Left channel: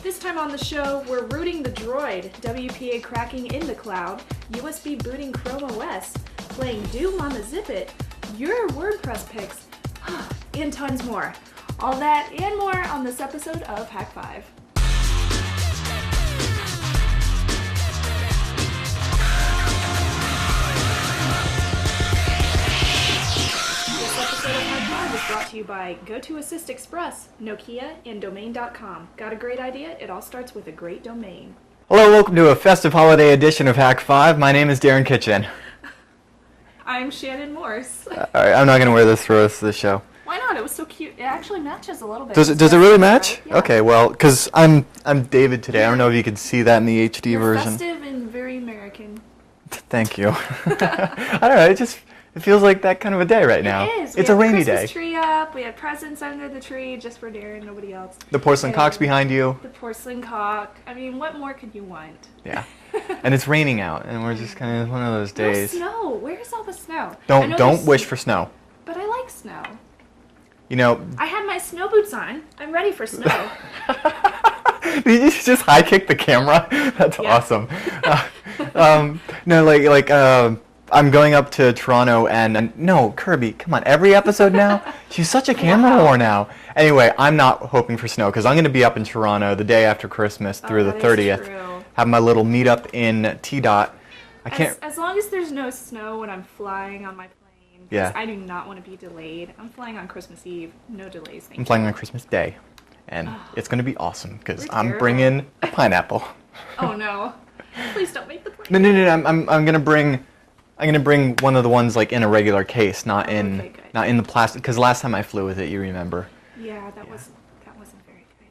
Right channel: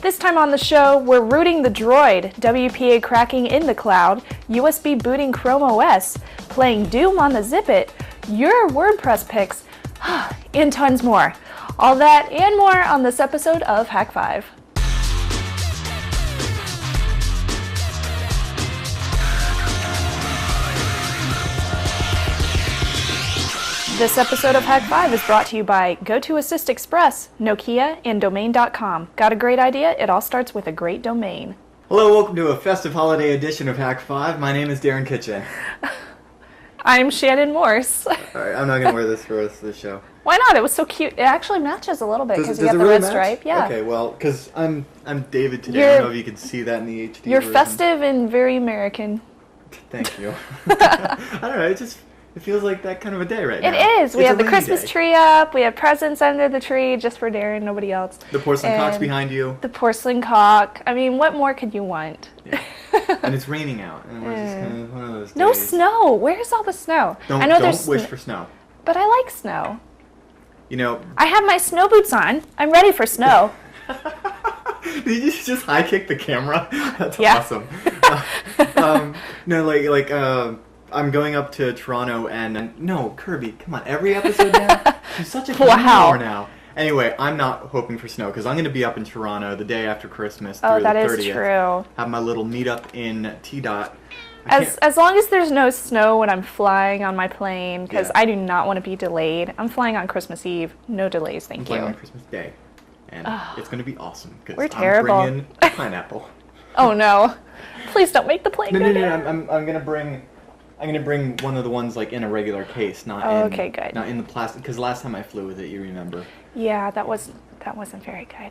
This time on the show, we're rooting the droid, WPA cracking in the cloud, USB booting Chrome OS, playing Doom on the Zipit, your WordPress picks, and tons more. All that and more on this episode of Hak5. This episode of Hak5 is brought to you by GoToAssist Express, Nokia, and Domain.com. Got a great idea? It all starts with a great domain. Hello, welcome to a festive holiday edition of Hak5. My name is Darren Kitchen. I'm Shannon Morse. Alright, I'm not going to wear this for the rest of the show. Why not? It was so cute. It actually matches a little bit. Does it really match? Right? Yeah. Okay, well, because I'm David today. I don't know if you can see that in the HD you're version. You're festive and very American. Thank you. I don't know, it feels like that kind of a day right now. It is. We have the Christmas tree up. We have presents under the tree just for Darren, nobody else. The porcelain cock's behind you. The porcelain cock. I mean, what more could you want? Yeah. And it's raining out, and we're just kind of one of those days. No snow. Where's all the snow? Don't wish for snow. But I like snow. You know. I have my snow boots on. I'm ready for snow. Did you just high kick the camera? That's awesome. No, I'm going up to Toronto and no, Kirby, come on, every episode now? She's such a camera whore now. Anyway, I'm not hoping for snow because I'm going to be up in Toronto the day after Christmas through the 30th. That is true. Have my little meetup in T-Dot. As long as there's no snow when I'm flying on my plane, because I do not want to be delayed. I'm flying on Christmas Eve. No delays, thank you. I'm flying on Christmas Day. And it's going to be awesome because I'm bringing a pineapple. Oh no. Please don't make the plane. No, I'm going to bring one of the ones like in a regular case, not in the plastic. Because last time I flew with it, you remember. Yeah, that wasn't very good.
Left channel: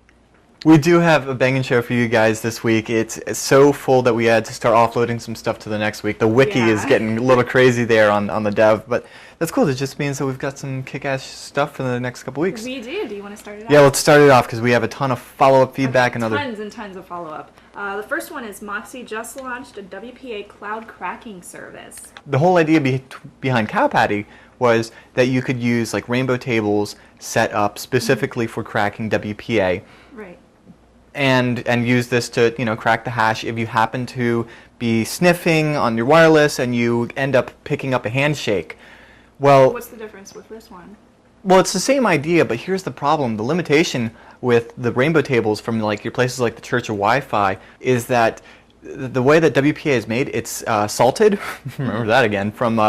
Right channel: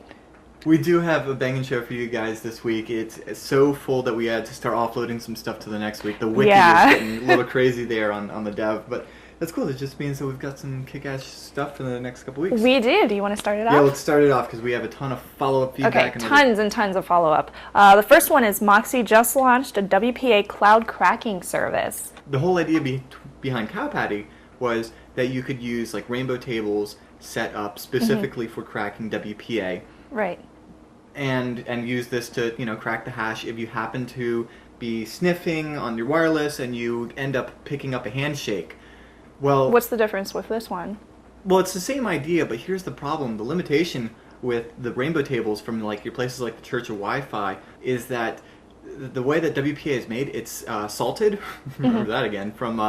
We do have a banging show for you guys this week. It's so full that we had to start offloading some stuff to the next week. The wiki is getting a little crazy there on the dev, but that's cool. It just means that we've got some kick-ass stuff for the next couple weeks. We do. Do you want to start it off? Yeah, let's start it off because we have a ton of follow-up feedback. Okay, tons and tons of follow-up. The first one is Moxie just launched a WPA cloud cracking service. The whole idea behind Cow Patty was that you could use like rainbow tables set up specifically for cracking WPA. Right. And use this to crack the hash if you happen to be sniffing on your wireless and you end up picking up a handshake. Well, what's the difference with this one? Well, it's the same idea, but here's the problem. The limitation with the rainbow tables from like your places like the Church of Wi-Fi is that the way that WPA is made, it's salted. Remember that again from.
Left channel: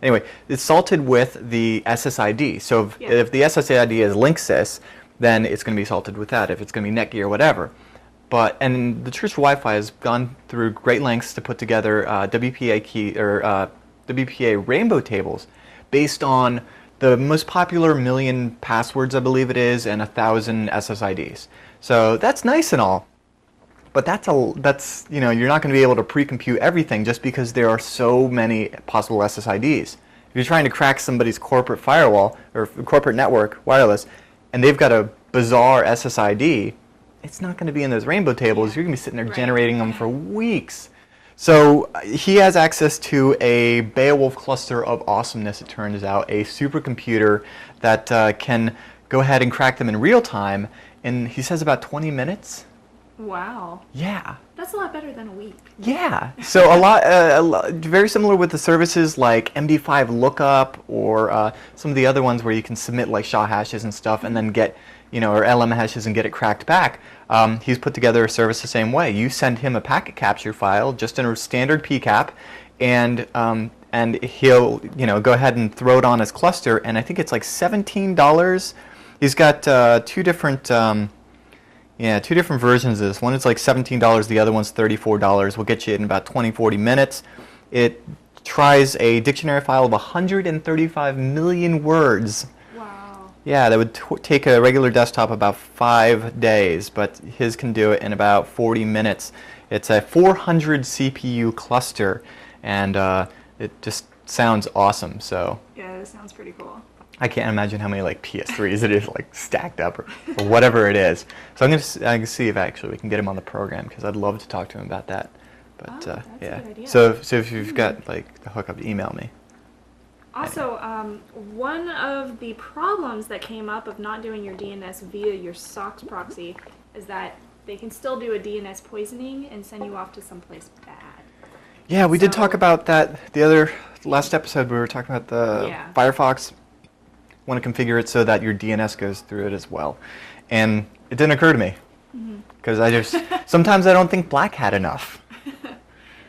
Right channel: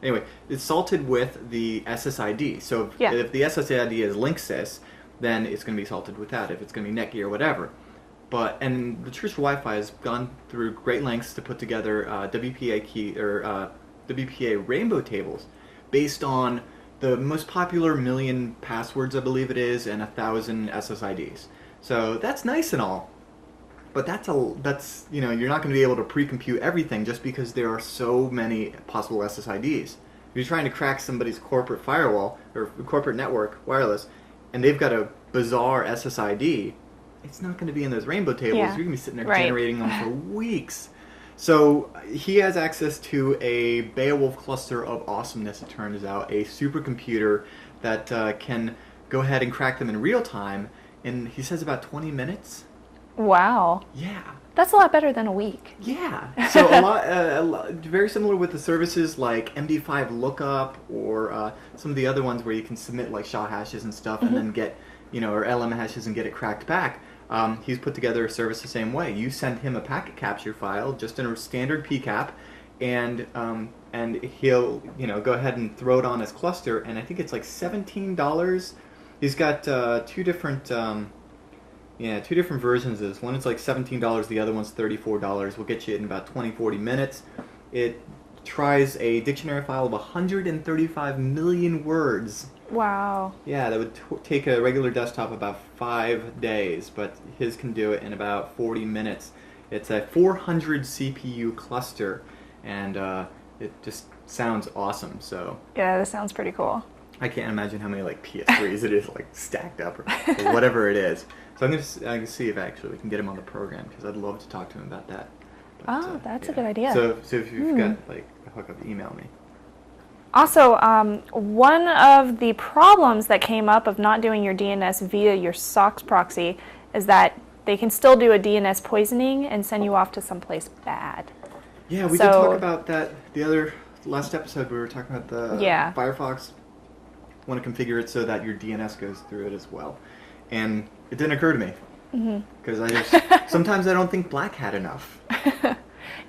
Anyway, it's salted with the SSID. So if the SSID is Linksys, then it's going to be salted with that. If it's going to be Netgear or whatever. And the Church of Wi-Fi has gone through great lengths to put together WPA rainbow tables based on the most popular 1 million passwords, I believe it is, and 1,000 SSIDs. So that's nice and all, but that's you're not going to be able to pre-compute everything just because there are so many possible SSIDs. If you're trying to crack somebody's corporate firewall or corporate network wireless, and they've got a bizarre SSID, it's not going to be in those rainbow tables. You're going to be sitting there generating them for weeks. So he has access to a Beowulf cluster of awesomeness, it turns out, a supercomputer that can go ahead and crack them in real time in, he says, about 20 minutes. Wow. Yeah. That's a lot better than a week. Yeah. So a lot, very similar with the services like MD5 lookup or some of the other ones where you can submit like SHA hashes and stuff and then get, or LM hashes and get it cracked back. He's put together a service the same way. You send him a packet capture file, just in a standard PCAP, and he'll go ahead and throw it on his cluster. And I think it's like $17. He's got two different versions of this. One is like $17. The other one's $34. We'll get you in about 20-40 minutes. It tries a dictionary file of 135 million words. Wow. Yeah, that would take a regular desktop about 5 days, but his can do it in about 40 minutes. It's a 400 CPU cluster, and it just sounds awesome. So yeah, this sounds pretty cool. I can't imagine how many like PS3s it is like stacked up or whatever it is. So I can see if actually we can get him on the program because I'd love to talk to him about that. But, that's a good idea. So if you've got like the hookup, email me. Also, one of the problems that came up of not doing your DNS via your SOCKS proxy is that they can still do a DNS poisoning and send you off to someplace bad. Yeah, we did talk about that last episode. We were talking about the Firefox. Want to configure it so that your DNS goes through it as well. And it didn't occur to me. Because sometimes I don't think Black Hat enough.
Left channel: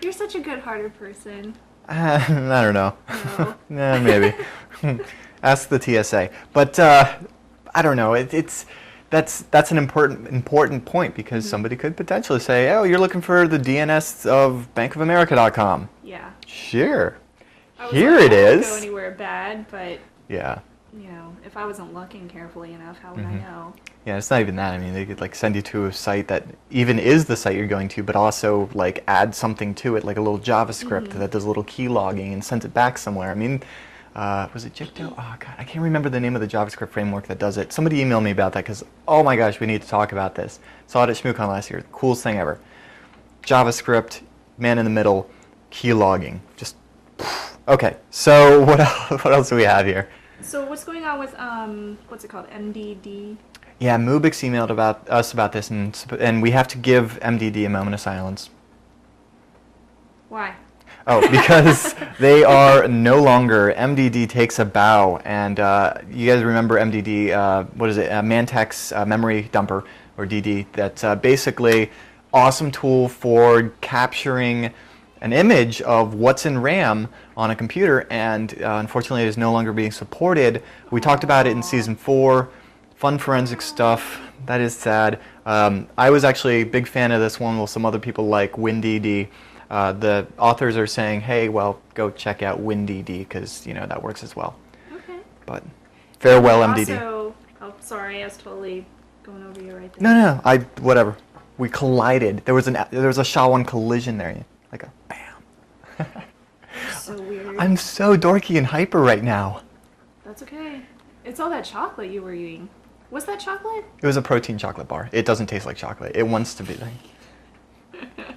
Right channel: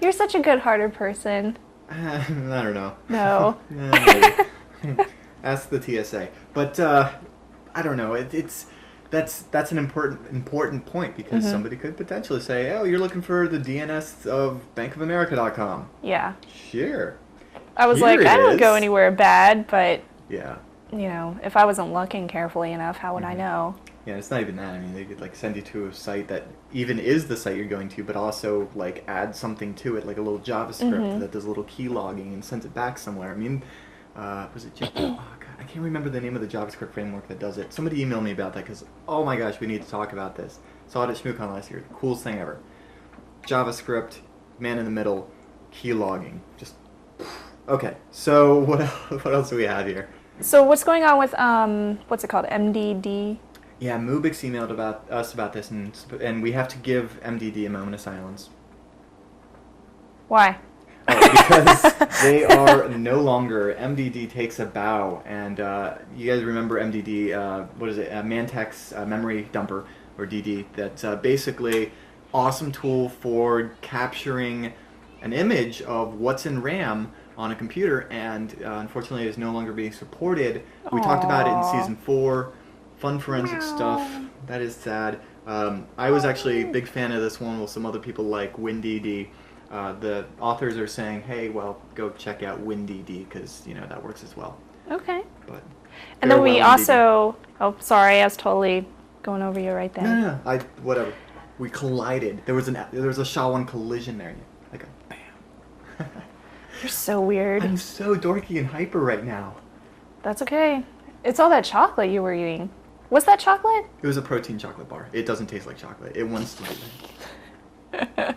You're such a good-hearted person. I don't know. No. Maybe. Ask the TSA. But I don't know. That's an important point because somebody could potentially say, "Oh, you're looking for the DNS of bankofamerica.com." Yeah. Sure. I was like, I don't go anywhere bad, but yeah. You know, if I wasn't looking carefully enough, how would I know? Yeah, it's not even that. I mean, they could like send you to a site that even is the site you're going to, but also like add something to it, like a little JavaScript that does a little key logging and sends it back somewhere. I mean, was it Oh God, I can't remember the name of the JavaScript framework that does it. Somebody emailed me about that because, oh my gosh, we need to talk about this. Saw it at ShmooCon last year. Coolest thing ever. JavaScript, man in the middle, key logging. Just okay. So what else do we have here? So what's going on with what's it called, MDD? Yeah, Mubix emailed us about this, and we have to give MDD a moment of silence. Why? Oh, because they are no longer. MDD takes a bow, and you guys remember MDD? What is it? Mantex memory dumper, or DD. That's basically awesome tool for capturing an image of what's in RAM on a computer, and unfortunately it is no longer being supported. We talked about it in season 4. Fun forensic stuff. That is sad. I was actually a big fan of this one with some other people like WinDD. The authors are saying, hey, well, go check out WinDD because, you know, that works as well. Okay. But farewell, MDD. Also, oh, sorry, I was totally going over you right there. No, whatever. We collided. There was a SHA-1 collision there. Like a bam. You're so weird. I'm so dorky and hyper right now. That's okay. It's all that chocolate you were eating. What's that chocolate? It was a protein chocolate bar. It doesn't taste like chocolate. It wants to be like.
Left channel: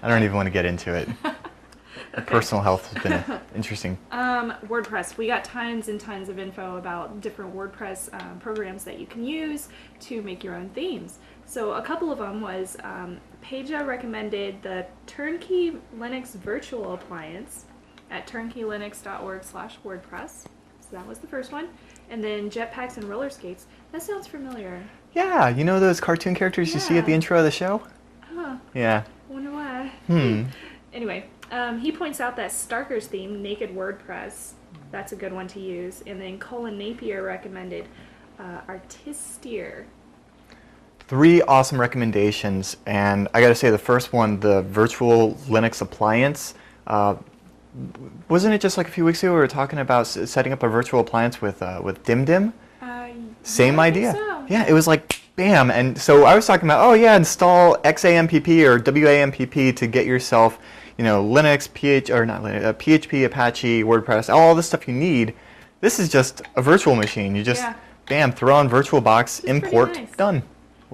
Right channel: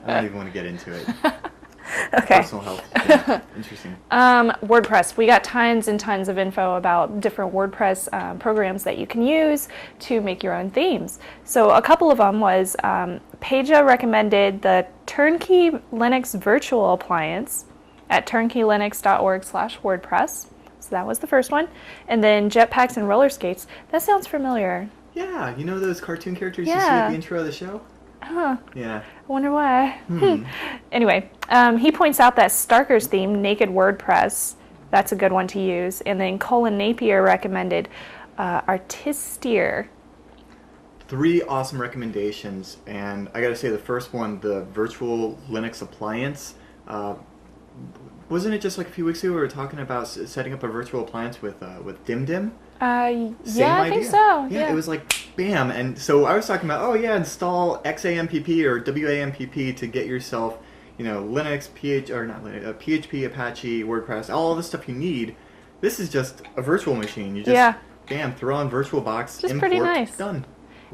I don't even want to get into it. Okay. Personal health has been interesting. WordPress. We got tons and tons of info about different WordPress programs that you can use to make your own themes. So a couple of them was Paja recommended the Turnkey Linux Virtual Appliance at turnkeylinux.org/WordPress. So that was the first one. And then Jetpacks and Roller Skates. That sounds familiar. Yeah, you know those cartoon characters you see at the intro of the show? Huh. Yeah. I wonder why. Anyway, he points out that Starker's theme, Naked WordPress, that's a good one to use. And then Colin Napier recommended Artisteer. 3 awesome recommendations, and I gotta say the first one, the Virtual Linux Appliance, wasn't it just like a few weeks ago we were talking about setting up a virtual appliance with DimDim? Same idea. I think so. Yeah, it was like bam, and so I was talking about, oh yeah, install XAMPP or WAMPP to get yourself, you know, Linux, PHP, Apache, WordPress, all the stuff you need. This is just a virtual machine. You just bam, throw on VirtualBox, import, nice. Done.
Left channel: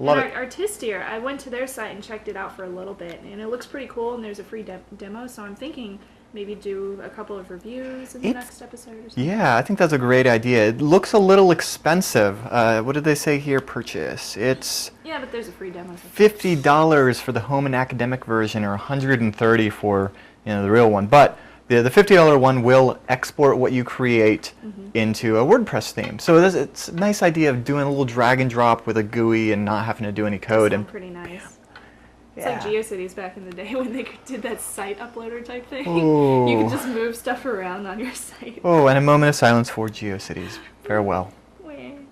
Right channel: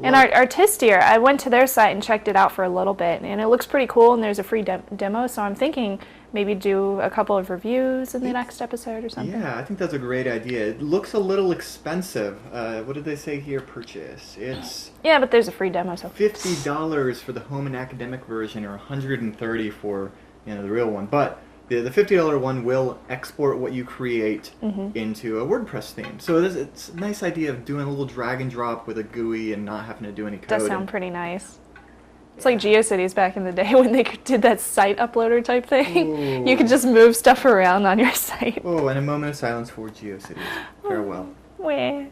And Artisteer, I went to their site and checked it out for a little bit, and it looks pretty cool, and there's a free demo, so I'm thinking maybe do a couple of reviews in the next episode or something. Yeah, I think that's a great idea. It looks a little expensive. What did they say here, purchase? It's... Yeah, but there's a free demo. So $50 for the home and academic version, or $130 for, you know, the real one. But the $50 one will export what you create into a WordPress theme. So it's a nice idea of doing a little drag and drop with a GUI and not having to do any code. Does sound pretty nice. It's like GeoCities back in the day when they did that site uploader type thing. Ooh. You could just move stuff around on your site. Oh, and a moment of silence for GeoCities. Farewell. Yeah.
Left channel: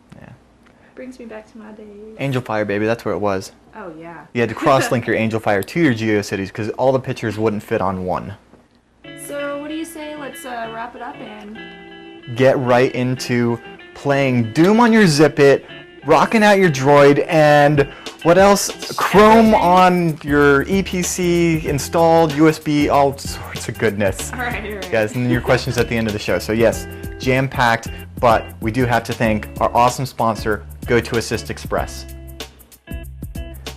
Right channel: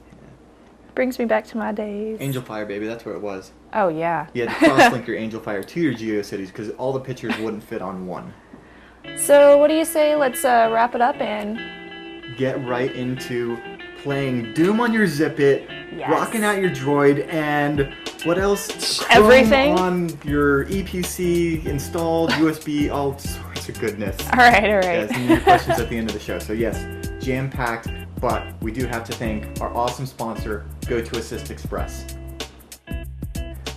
Brings me back to my days. AngelFire, baby, that's where it was. Oh, yeah. You had to cross-link your AngelFire to your GeoCities because all the pictures wouldn't fit on one. So what do you say? Let's wrap it up and get right into playing Doom on your Zipit, rocking out your Droid, and what else? Chrome on your EPC, installed USB, all sorts of goodness. All right. Guys, and your questions at the end of the show. So yes, jam-packed, but we do have to thank our awesome sponsor, GoToAssist Express.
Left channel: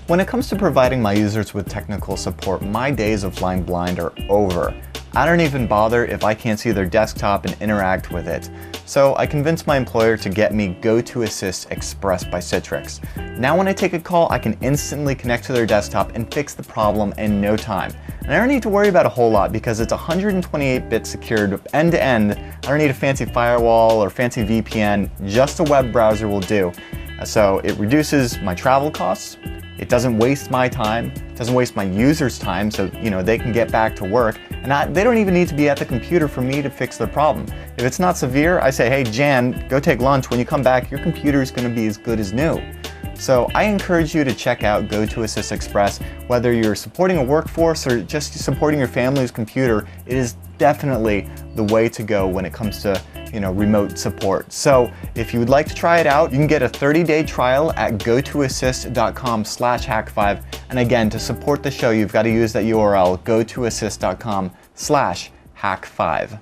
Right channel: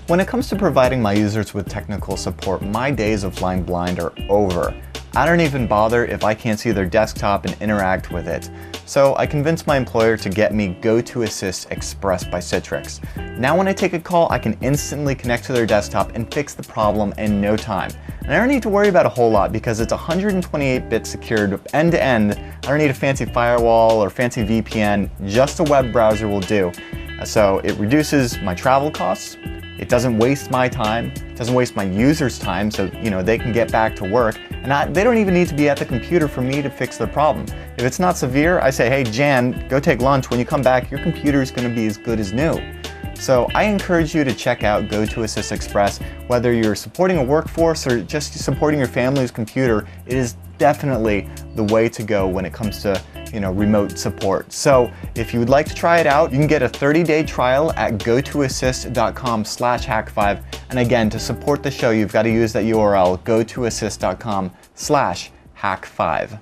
When it comes to providing my users with technical support, my days of flying blind are over. I don't even bother if I can't see their desktop and interact with it. So I convinced my employer to get me GoToAssist Express by Citrix. Now when I take a call, I can instantly connect to their desktop and fix the problem in no time. And I don't need to worry about a whole lot because it's 128-bit secured end-to-end. I don't need a fancy firewall or fancy VPN, just a web browser will do. So it reduces my travel costs, it doesn't waste my time, it doesn't waste my users' time, so they can get back to work, and they don't even need to be at the computer for me to fix their problem. If it's not severe, I say, hey Jan, go take lunch. When you come back, your computer is going to be as good as new. So I encourage you to check out GoToAssist Express. Whether you're supporting a workforce or just supporting your family's computer, it is definitely the way to go when it comes to remote support. So if you would like to try it out, you can get a 30-day trial at gotoassist.com/Hak5. And again, to support the show, you've got to use that URL, gotoassist.com/Hak5.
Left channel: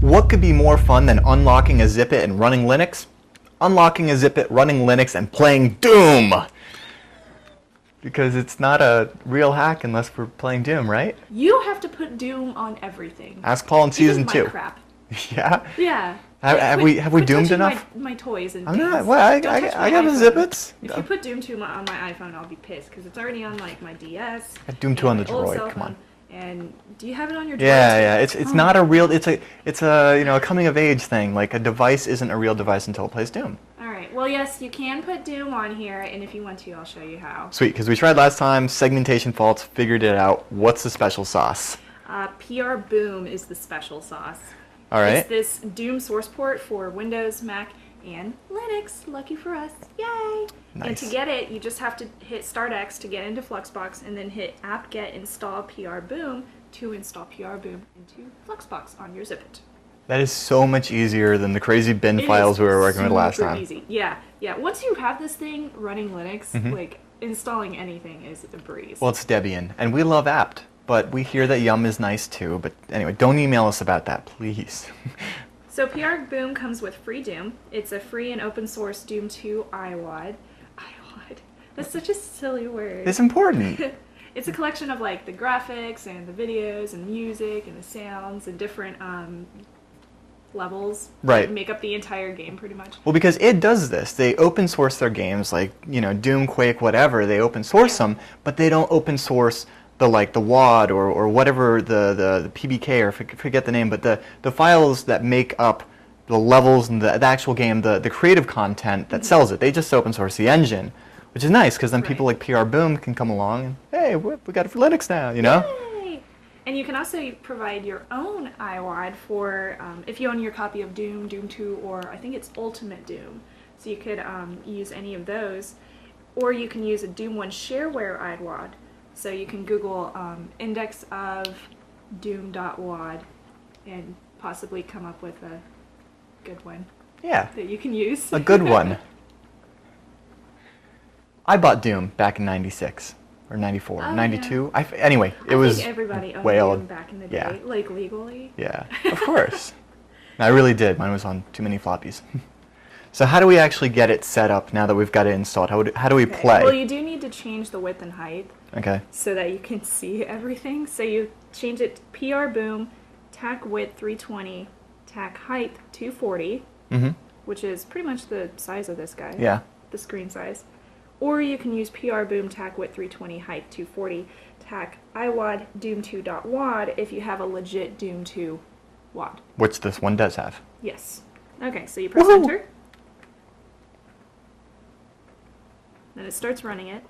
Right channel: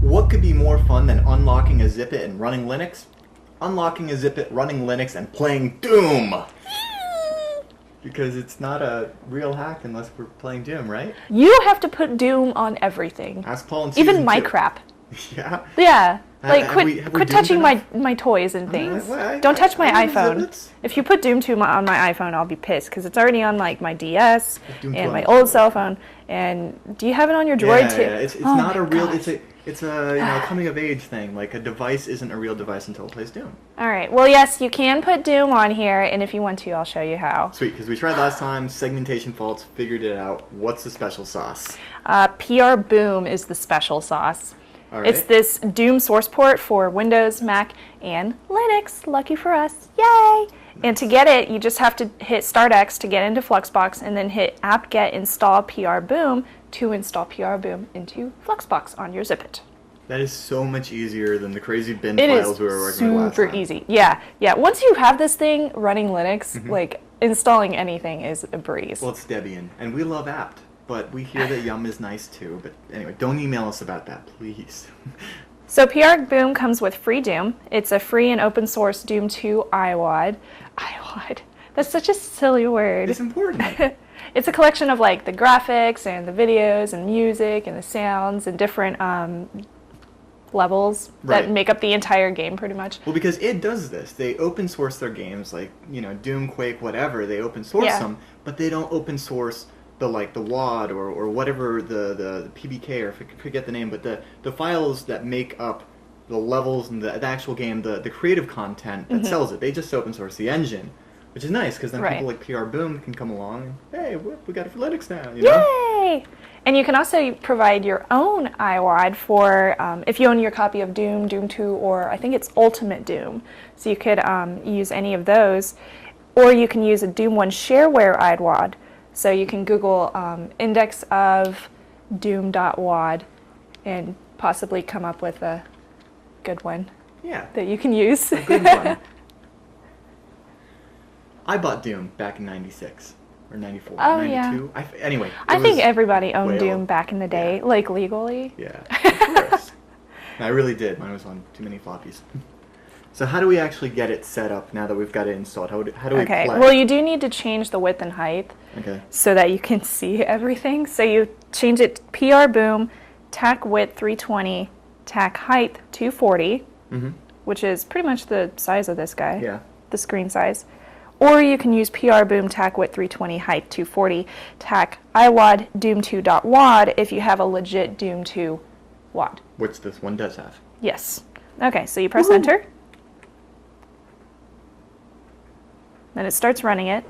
What could be more fun than unlocking a Zipit and running Linux? Unlocking a Zipit, running Linux, and playing Doom! Because it's not a real hack unless we're playing Doom, right? You have to put Doom on everything. Ask Paul in season 2. Even my crap. Yeah? Yeah. Have we quit doomed touching enough? my toys and things. Well, Don't touch my I iPhone. Zipits. If you put Doom 2 on my iPhone, I'll be pissed because it's already on like my DS Doom 2 and on my the old Droid, cell come on. phone. And do you have it on your Droid too? Yeah. It's not a real. It's a a coming of age thing. Like a device isn't a real device until it plays Doom. All right. Well, yes, you can put Doom on here, and if you want to, I'll show you how. Sweet, because we tried last time. Segmentation faults. Figured it out. What's the special sauce? PR Boom is the special sauce. All right. It's this Doom source port for Windows, Mac, and Linux. Lucky for us. Yay! Nice. And to get it, you just have to hit Start X to get into Fluxbox, and then hit apt-get install PR Boom to install PR Boom into Fluxbox on your Zipit. That is so much easier than the crazy bin files we were working with last time. Super easy. Yeah. Once you have this thing running Linux, like installing anything is a breeze. Well, it's Debian, and we love apt, but we hear that Yum is nice too. But anyway, don't email us about that, please. So PR Boom comes with free Doom. It's a free and open source Doom 2 iWad. iWad. That's such a silly word. It's important. It's a collection of like the graphics and the videos and music and the sounds and different levels that make up the entire game pretty much. Well, because it does this. They open source their games like, Doom, Quake, whatever. They open source them, but they don't open source the WAD or whatever the PBK or forget the name, but the files that make up the levels and the actual game, the creative content that sells it. They just open source the engine, which is nice because then people like PR Boom can come along and, hey, we got it for Linux now, Yay! And you can also provide your own iWad for, if you own your copy of Doom, Doom 2, or I think it's Ultimate Doom. So you could use any of those. Or you can use a Doom 1 shareware iWad. So you can Google index of doom.wad and possibly come up with a good one that you can use. A good one. I bought Doom back in 96 or 94, 92. Yeah. Anyway, I think everybody owned Doom back in the day, like legally. Yeah, of course. I really did. Mine was on too many floppies. So how do we actually get it set up now that we've got it installed? How do we play? Well, you do need to change the width and height so that you can see everything. So you change it PR Boom, tac width 320, tac height 240, which is pretty much the size of this guy, the screen size. Or you can use PR Boom, tac width 320, height 240, tac iWad Doom2.wad if you have a legit Doom 2 wad. Which this one does have. Yes. Okay, so you press enter. Then it starts running it.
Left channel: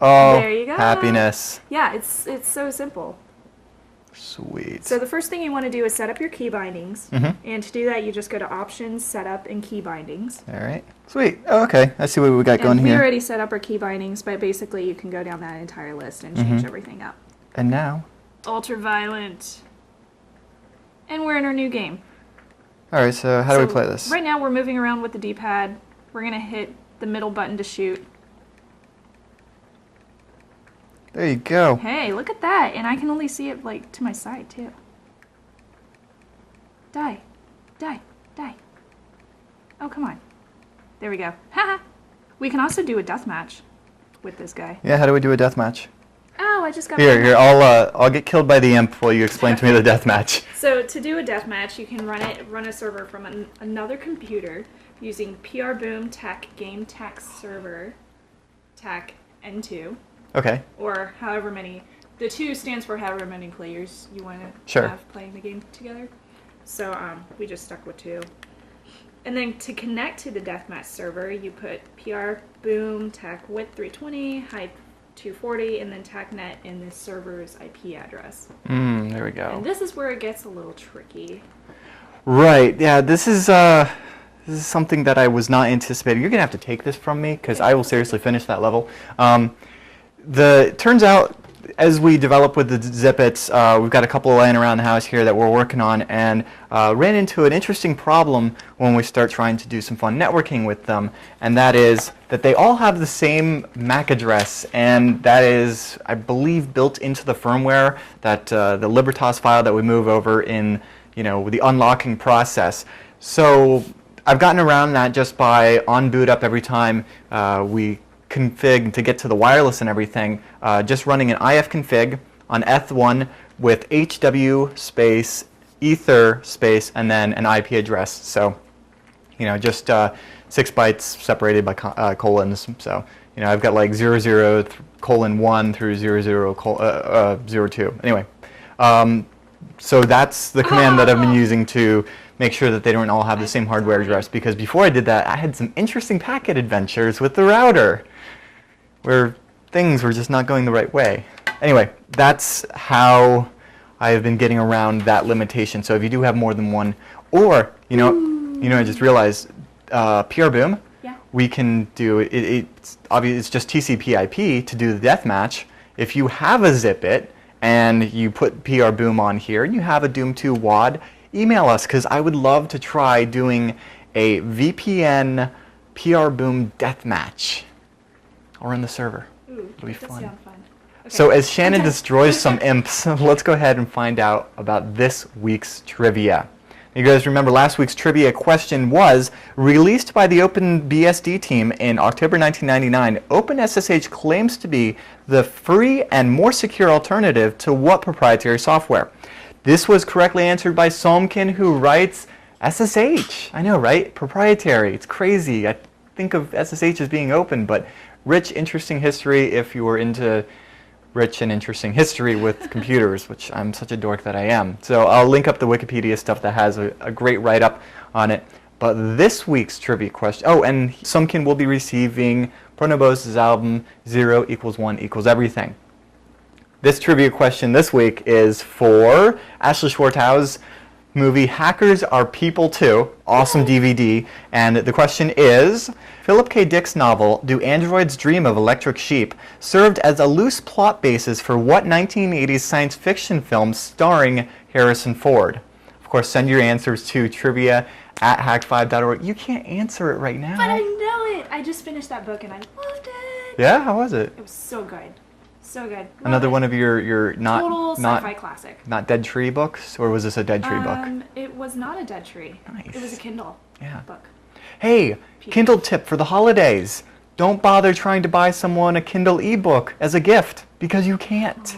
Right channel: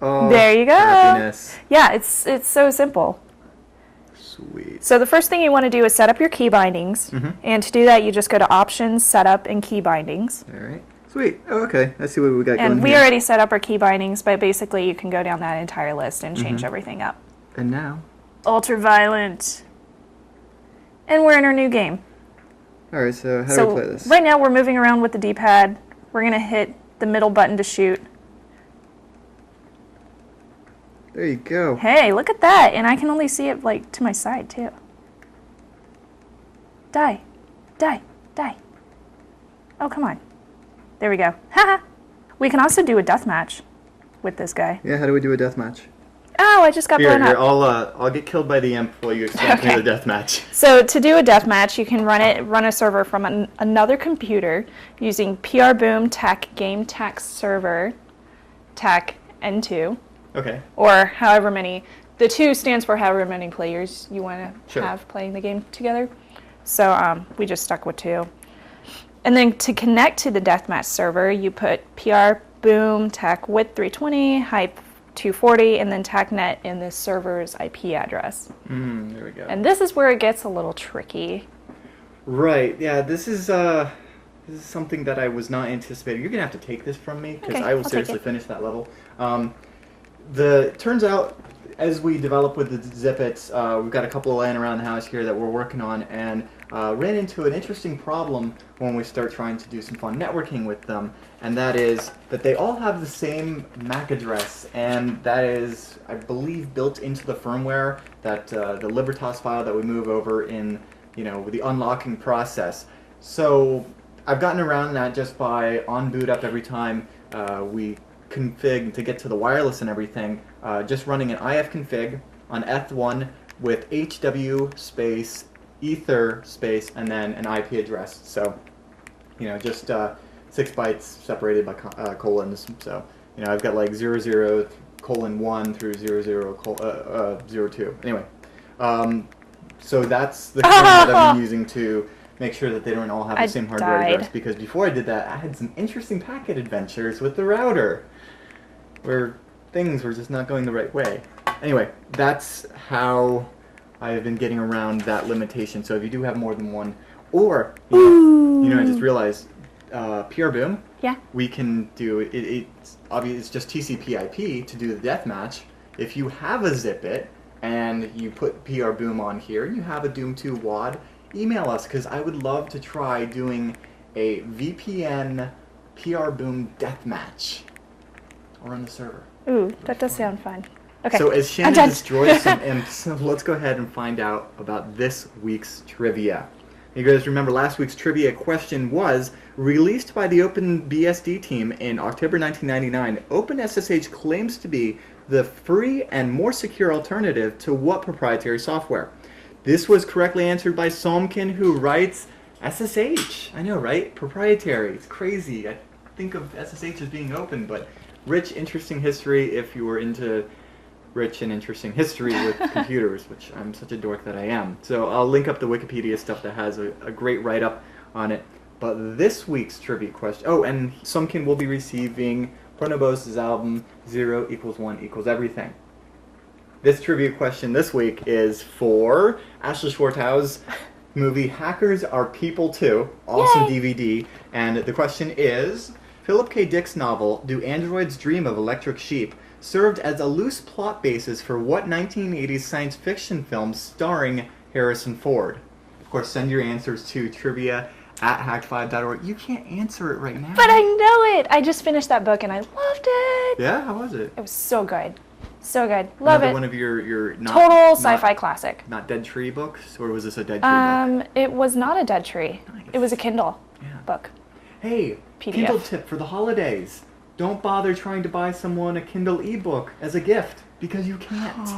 Oh, there you go. Happiness. Yeah, it's so simple. Sweet. So the first thing you want to do is set up your key bindings. And to do that, you just go to Options, Setup, and Key Bindings. All right. Sweet. Oh, okay. I see what we got going here. And we here. already set up our key bindings, but basically you can go down that entire list and change everything up. And now? Ultraviolent. And we're in our new game. All right, so how do we play this? Right now we're moving around with the D-pad. We're going to hit the middle button to shoot. There you go. Hey, look at that. And I can only see it like to my side too. Die. Die. Oh, come on. There we go. Haha. We can also do a deathmatch with this guy. Yeah, how do we do a deathmatch? Oh, I just got Here, burned up. I'll get killed by the imp while you explain to me the deathmatch. So to do a deathmatch, you can run a server from another computer using PRBoom TAC Game TAC Server TAC N2. Okay. Or however many. The 2 stands for however many players you want to have playing the game together. So we just stuck with 2. And then to connect to the deathmatch server, you put PRBoom TAC width 320, height 240, and then TACnet in this server's IP address. There we go. And this is where it gets a little tricky. Right. Yeah. This is something that I was not anticipating. You're gonna have to take this from me because I will seriously finish that level. Turns out, as we develop with the Zipits, we've got a couple laying around the house here that we're working on, and ran into an interesting problem when we start trying to do some fun networking with them, and that is that they all have the same MAC address, and that is, I believe, built into the firmware, that the Libertas file that we move over in, the unlocking process. So I've gotten around that just by on boot up every time we config to get to the wireless and everything, just running an ifconfig on eth1 with HW space ether space and then an IP address. So, just 6 bytes separated by colons. So, I've got like 00:1 through 00:02. Anyway, so that's the command that I've been using to make sure that they don't all have the same hardware address, because before I did that, I had some interesting packet adventures with the router where things were just not going the right way. Anyway, that's how I've been getting around that limitation. So if you do have more than one, or, I just realized PRBoom, we can do it. It's obvious, it's just TCP/IP to do the deathmatch. If you have a Zipit and you put PRBoom on here and you have a Doom 2 WAD, email us, because I would love to try doing a VPN PRBoom deathmatch. Or on the server. Ooh, that does sound fun. Okay. So as Shannon destroys some imps, let's go ahead and find out about this week's trivia. You guys remember last week's trivia question was, released by the OpenBSD team in October 1999, OpenSSH claims to be the free and more secure alternative to what proprietary software? This was correctly answered by Somkin, who writes, SSH. I know, right? Proprietary. It's crazy. I think of SSH as being open, but rich, interesting history if you were into rich and interesting history with computers, which I'm such a dork that I am. So I'll link up the Wikipedia stuff that has a great write-up on it. But this week's trivia question, and Sumkin will be receiving Pronobo's album 0 = 1 = everything. This trivia question this week is for Ashley Schwartz's movie Hackers Are People Too, awesome DVD, and the question is, Philip K. Dick's novel, Do Androids Dream of Electric Sheep, served as a loose plot basis for what 1980s science fiction film starring Harrison Ford? Of course, send your answers to trivia@hak5.org. You can't answer it right now. But I know it! I just finished that book and I loved it! Yeah? How was it? It was so good. So good. Love Another it. one of your not... Total sci-fi classic. Not Dead Tree books? Or was this a Dead Tree book? It was not a Dead Tree. Nice. It was a Kindle book. Hey, PDF. Kindle tip for the holidays. Don't bother trying to buy someone a Kindle ebook as a gift, because you can't.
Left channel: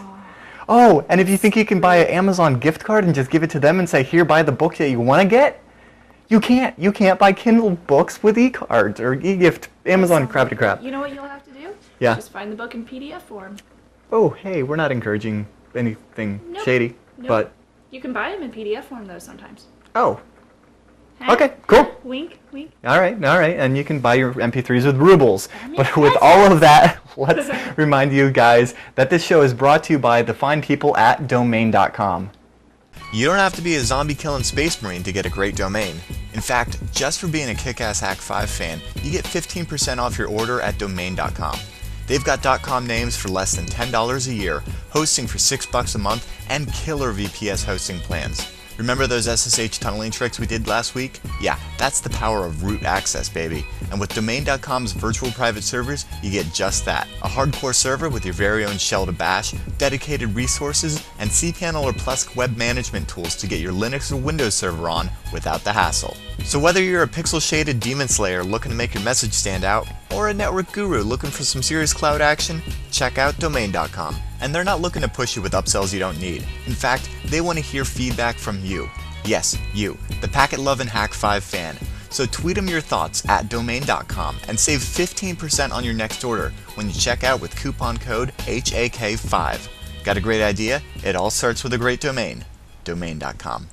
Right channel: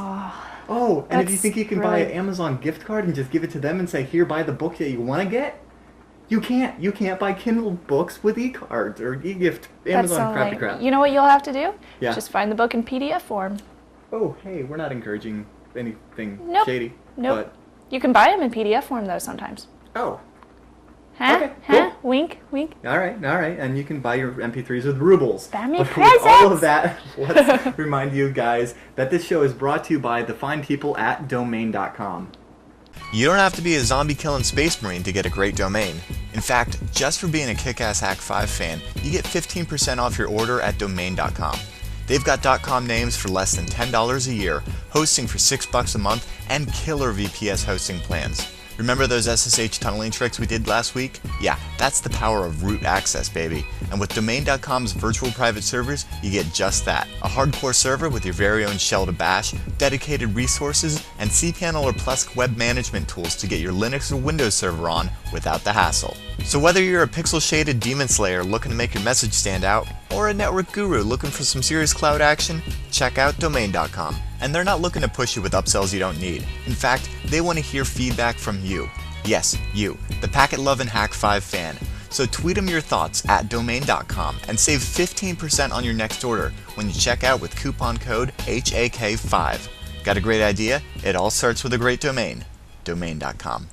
And if you think you can buy an Amazon gift card and just give it to them and say, here, buy the book that you want to get, you can't. You can't buy Kindle books with e-cards or e-gift, Amazon crap to crap. You know what you'll have to do? Yeah. Just find the book in PDF form. Oh, hey, we're not encouraging anything shady. Nope. But You can buy them in PDF form, though, sometimes. Oh. Huh? Okay, cool. Huh? Wink, wink. All right, and you can buy your MP3s with rubles. That makes But with all sense. of that, let's remind you guys that this show is brought to you by the fine people at domain.com. You don't have to be a zombie-killing space marine to get a great domain. In fact, just for being a kick-ass Hak5 fan, you get 15% off your order at domain.com. They've got .com names for less than $10 a year, hosting for $6 a month, and killer VPS hosting plans. Remember those SSH tunneling tricks we did last week? Yeah, that's the power of root access, baby. And with Domain.com's virtual private servers, you get just that. A hardcore server with your very own shell to bash, dedicated resources, and cPanel or Plesk web management tools to get your Linux or Windows server on without the hassle. So whether you're a pixel-shaded demon slayer looking to make your message stand out, or a network guru looking for some serious cloud action, check out Domain.com. And they're not looking to push you with upsells you don't need. In fact, they want to hear feedback from you. Yes, you, the packet-loving Hak5 fan. So tweet them your thoughts at Domain.com and save 15% on your next order when you check out with coupon code HAK5. Got a great idea? It all starts with a great domain. Domain.com.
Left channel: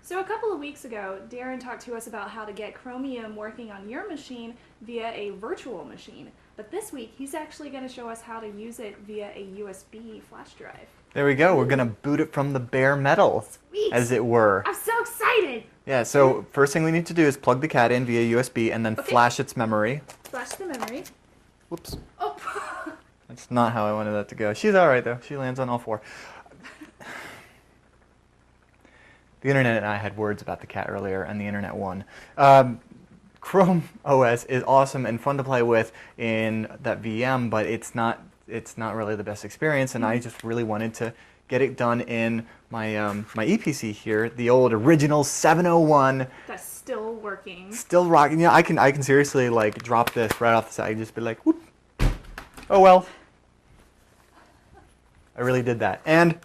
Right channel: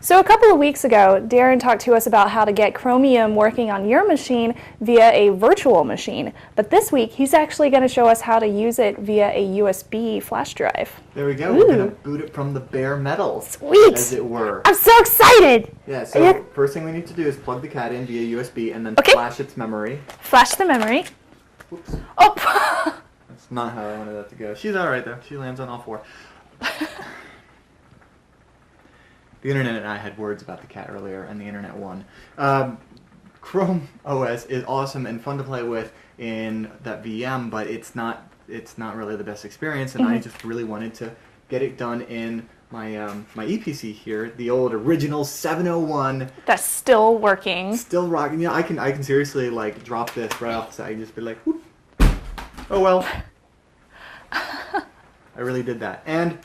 So a couple of weeks ago, Darren talked to us about how to get Chromium working on your machine via a virtual machine. But this week, he's actually going to show us how to use it via a USB flash drive. There we go. Ooh. We're going to boot it from the bare metal, Sweet. as it were. I'm so excited! Yeah, so first thing we need to do is plug the cat in via USB and then flash its memory. Flash the memory. Whoops. Oh! That's not how I wanted that to go. She's all right, though. She lands on all four. The internet and I had words about the cat earlier, and the internet won. Chrome OS is awesome and fun to play with in that VM, but it's not really the best experience, and I just really wanted to get it done in my my EPC here, the old original 701. That's still working. Still rocking. Yeah, I can seriously like drop this right off the side, just be like, whoop. Oh well. I really did that, and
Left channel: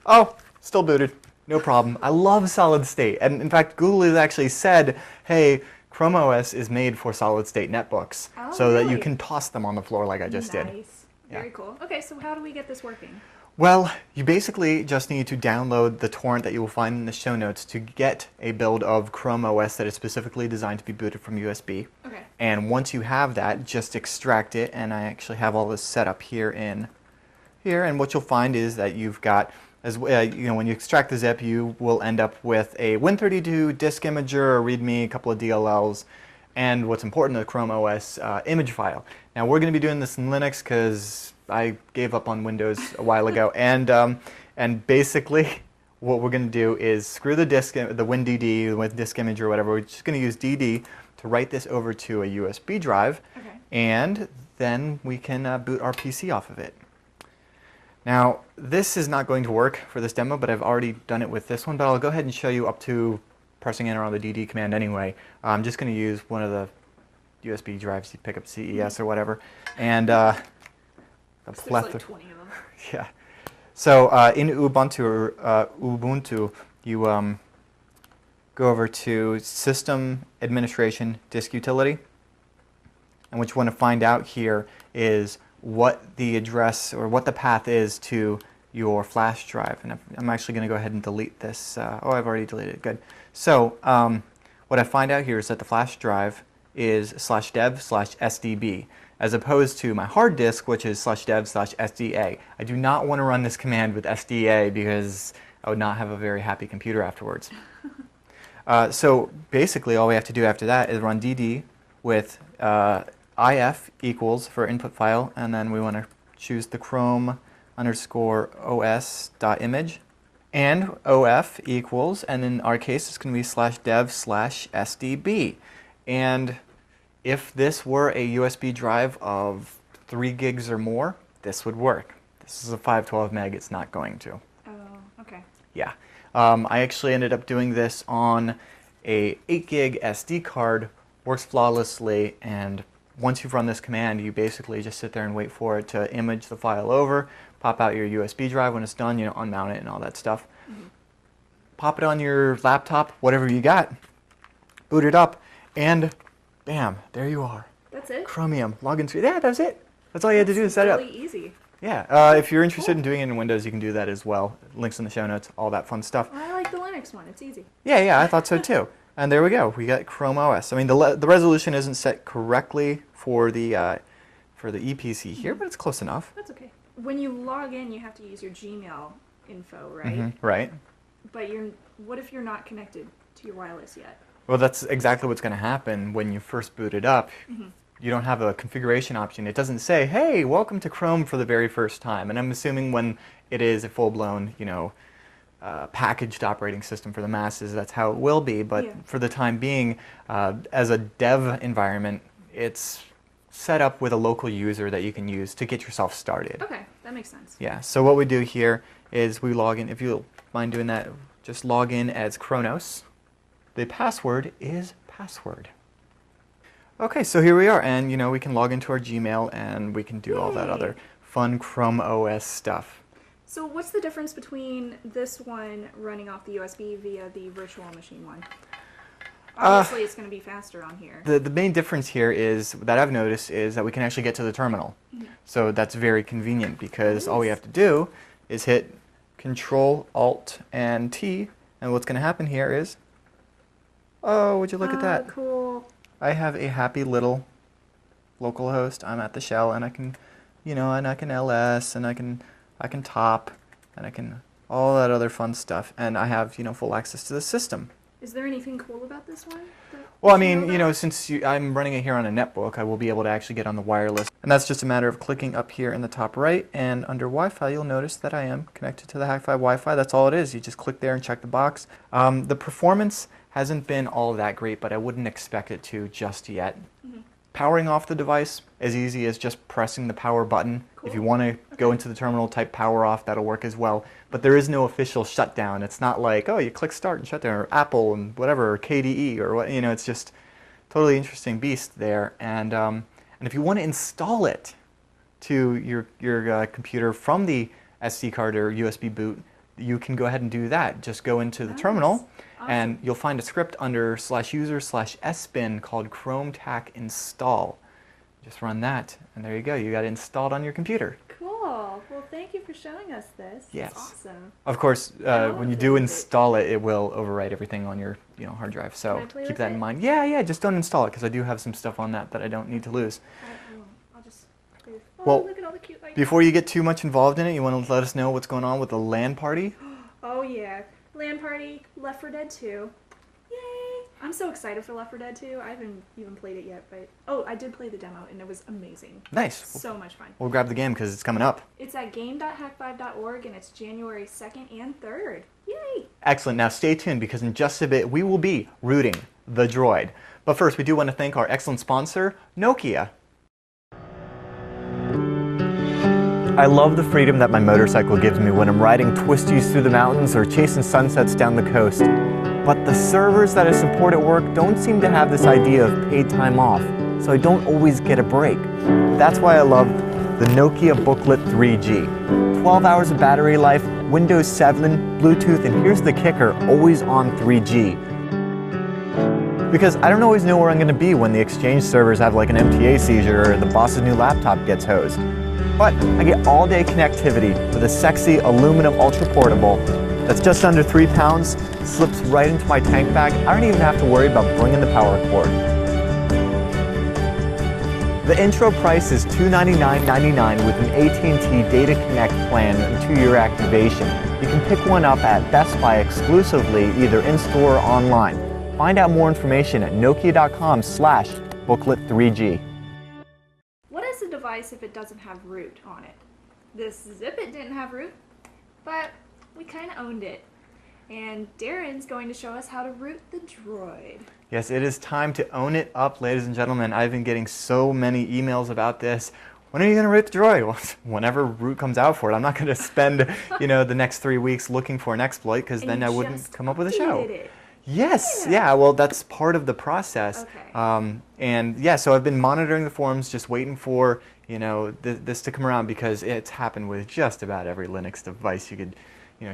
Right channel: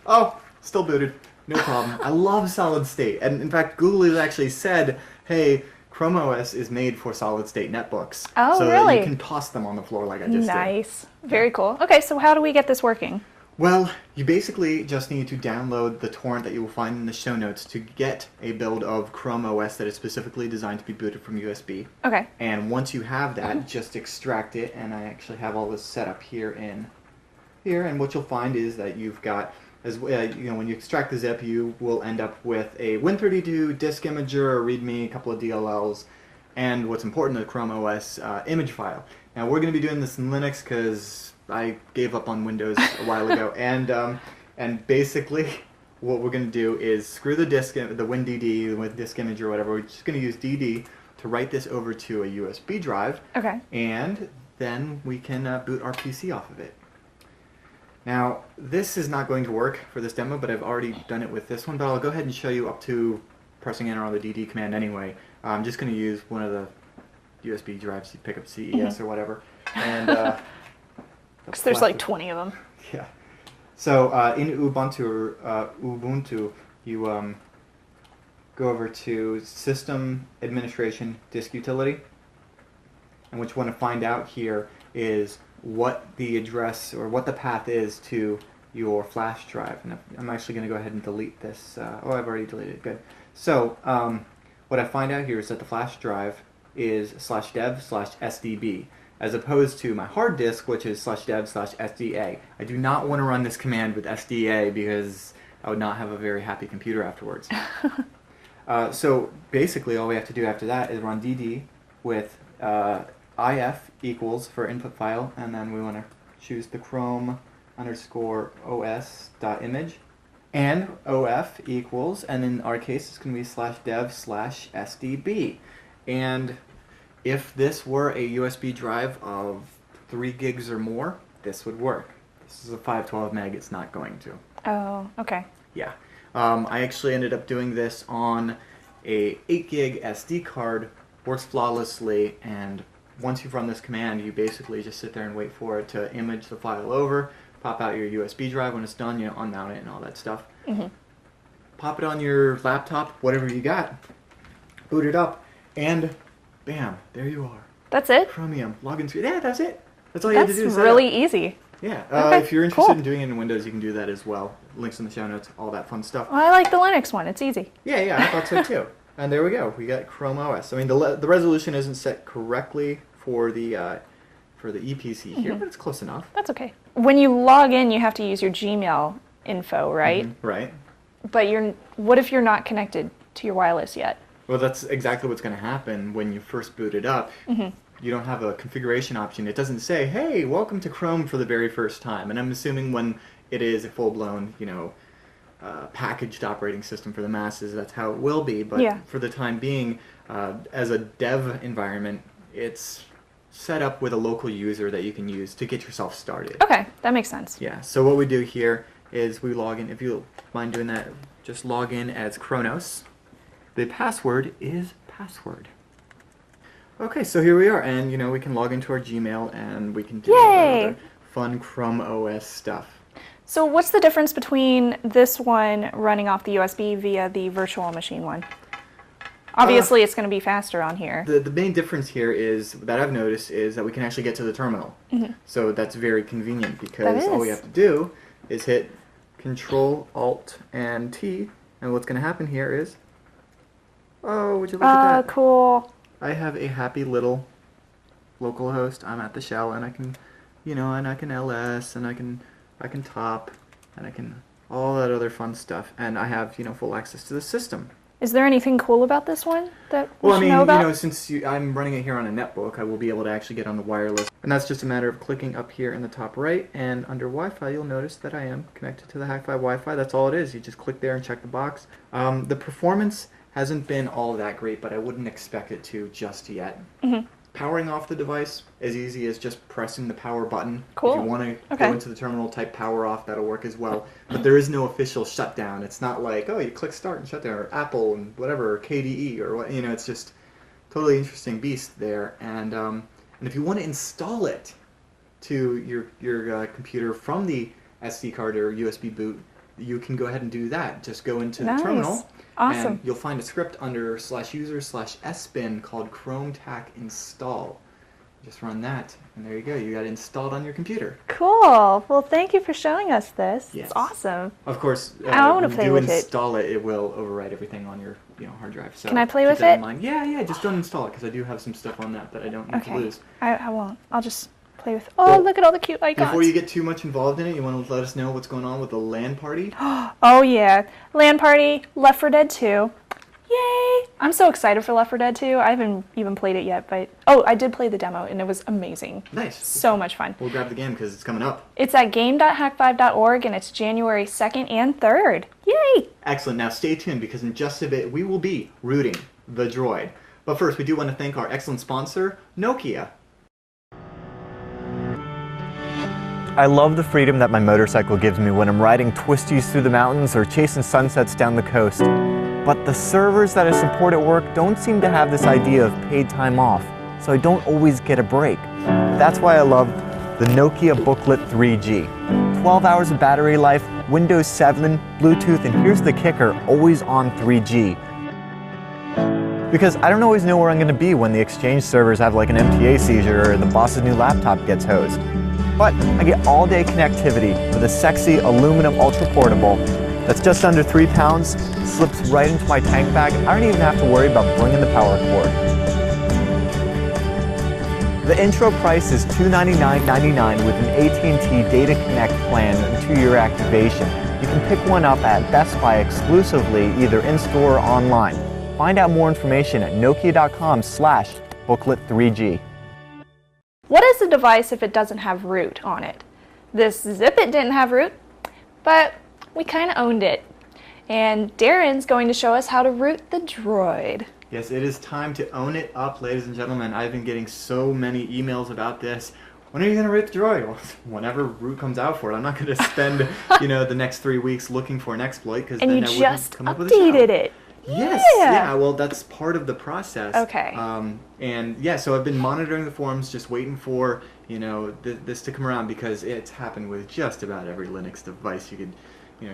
still booted. No problem. I love solid state. And in fact, Google has actually said, hey, Chrome OS is made for solid state netbooks. Oh, so really? that you can toss them on the floor like I just did. Nice. Very cool. Okay, so how do we get this working? Well, you basically just need to download the torrent that you will find in the show notes to get a build of Chrome OS that is specifically designed to be booted from USB. Okay. And once you have that, just extract it. And I actually have all this set up here. And what you'll find is that you've got, when you extract the zip, you will end up with a Win32 disk imager, a README, a couple of DLLs, and what's important, a Chrome OS image file. Now we're going to be doing this in Linux because I gave up on Windows a while ago, and basically what we're going to do is screw the disk, the WinDD with disk image or whatever. We're just going to use DD to write this over to a USB drive, and then we can boot our PC off of it. Now, this is not going to work for this demo, but I've already done it with this one, but I'll go ahead and show you up to pressing enter on the DD command anyway. I'm just going to use one of the USB drives you pick up CES or whatever. And because there's like 20 of them. Yeah. So in Ubuntu, you go over to System Administration Disk Utility. And what you want to find out here is what the address or what the path is to your flash drive. And I'm actually going to go ahead and delete this. I've already deleted it. Good. So what I find out here is that the flash drive is /dev/sdb, as opposed to my hard disk, which is /dev/sda. I do not want to run this command with sda because I would not have a very happy computer afterwards. So basically all we have to do after that is run dd with if equals for input file, and then we want to choose the Chrome_os.image, and of equals, and in our case it's going to be /dev/sdb. And if this were a USB drive of 3 gigs or more, this would work. This is a 512 meg, it's not going to. Oh, okay. Yeah. I actually ended up doing this on a 8 gig SD card, works flawlessly, and once you've run this command, you basically just sit there and wait for it to image the file over, pop out your USB drive when it's done, unmount it and all that stuff. Pop it on your laptop, whatever you got, boot it up, and bam, there you are. That's it? Chromium, login screen. Yeah, that's it. That's all you had to do. That's really easy. Yeah. Okay, if you're interested cool. in doing it in Windows, you can do that as well. Links in the show notes, all that fun stuff. Well, I like the Linux one. It's easy. Yeah, I thought so too. And there we go. We got Chrome OS. I mean, the resolution isn't set correctly for the EPC here, but it's close enough. That's okay. When you log in, you have to use your Gmail info, right? Right. But what if you're not connected to your wireless yet? Well, that's exactly what's going to happen when you first boot it up. You don't have a configuration option. It doesn't say, hey, welcome to Chrome for the very first time. And I'm assuming when it is a full-blown, packaged operating system for the masses. That's how it will be. But Yeah. for the time being, as a dev environment, it's set up with a local user that you can use to get yourself started. Okay, that makes sense. Yeah, so what we do here is we log in. If you mind doing that, just log in as Kronos. The password is password. Okay, so here we are, and we can log into our Gmail and we can do all that Yay! other fun Chrome OS stuff. So what's the difference between this one running off the USB via the virtual machine one? Obviously, it's going to be faster on here. The main difference here is, that I've noticed, is that we can actually get to the terminal. So that's very convenient because all we have to do is hit Control, Alt, and T, and what's going to happen here is, oh, would you look at that? Cool. I have a happy little local host. I'm at the shell, and I can, and I can ls, and I can top, and I can all that other fun stuff, and I have full access to the system. Is there anything cool about this one that Well, I we mean, should know about? since I'm running it here on a netbook, I will be able to actually get on the wireless, and that's just a matter of clicking up here in the top right, and under Wi-Fi, you'll notice that I am connected to the Hak5 Wi-Fi. That's all it is. You just click there and check the box. The performance hasn't been all that great, but I wouldn't expect it to just yet. Powering off the device as easy as just pressing the power button. Cool. If you want to Okay. go into the terminal, type power off, that'll work as well. But there is no official shutdown. It's not like, oh, you click start and shut down, or Apple and whatever, or KDE, or what, it's just totally interesting beast there. And if you want to install it to your computer from the SD card or USB boot, you can go ahead and do that. Just go into the terminal. Awesome. And you'll find a script under /user/sbin called chrometac install. Just run that, and there you go. You got it installed on your computer. Cool. Well, thank you for showing us this. Yes. It's awesome. Of course, I wanna when you play do with it. install it, it will overwrite everything on your hard drive. So Can I play keep with that it? in mind. Yeah. Just don't install it because I do have some stuff on that I don't need to lose. I won't. I'll just play with. Oh, Well, look at all the cute icons. Before you get too much involved in it, you want to let us know what's going on with the LAN party? Oh yeah, LAN party, Left 4 Dead 2. Yay! I'm so excited for Left 4 Dead 2. I haven't even played it yet, but I did play the demo and it was amazing. Nice. So much fun. We'll grab the game because it's coming up. It's at game.hak5.org and it's January 2nd and 3rd. Yay! Excellent. Now stay tuned because in just a bit we will be rooting the droid. But first, we do want to thank our excellent sponsor, Nokia. I love the freedom that my motorcycle gives me when I'm riding twisties through the mountains or chasing sunsets down the coast. But the servers that I support at work don't seem to have this idea of paid time off, so I don't always get a break. That's why I love the Nokia Booklet 3G. 12 hours of battery life, Windows 7, Bluetooth, and here's the kicker, always on 3G. Because I don't always know where I'm going to be when the Exchange servers have like an MTA seizure or the boss's new laptop gets hosed. But I get all-day connectivity with a sexy aluminum ultra portable that's just under 3 pounds, slips right into my tank bag. I don't even have to worry about bringing the power cord. The intro price is $299.99 with an AT&T Data Connect plan and 2-year activation. You can pick one up at Best Buy exclusively, either in-store or online. Find out more information at nokia.com/booklet3G. What is a device if it doesn't have root on it? This Zipit didn't have root, but we kind of owned it. And Darren's going to show us how to root the droid. Yes, it is time to own it up, ladies and gentlemen. I've been getting so many emails about this. When are you going to root the droid? Well, whenever root comes out for it. I'm not going to spend, the next 3 weeks looking for an exploit because then I wouldn't come up with a show. And you just updated it. Yes, yeah, well, that's part of the process. Okay. And yeah, so I've been monitoring the forums, just waiting for, this to come around because it's happened with just about every Linux device you could,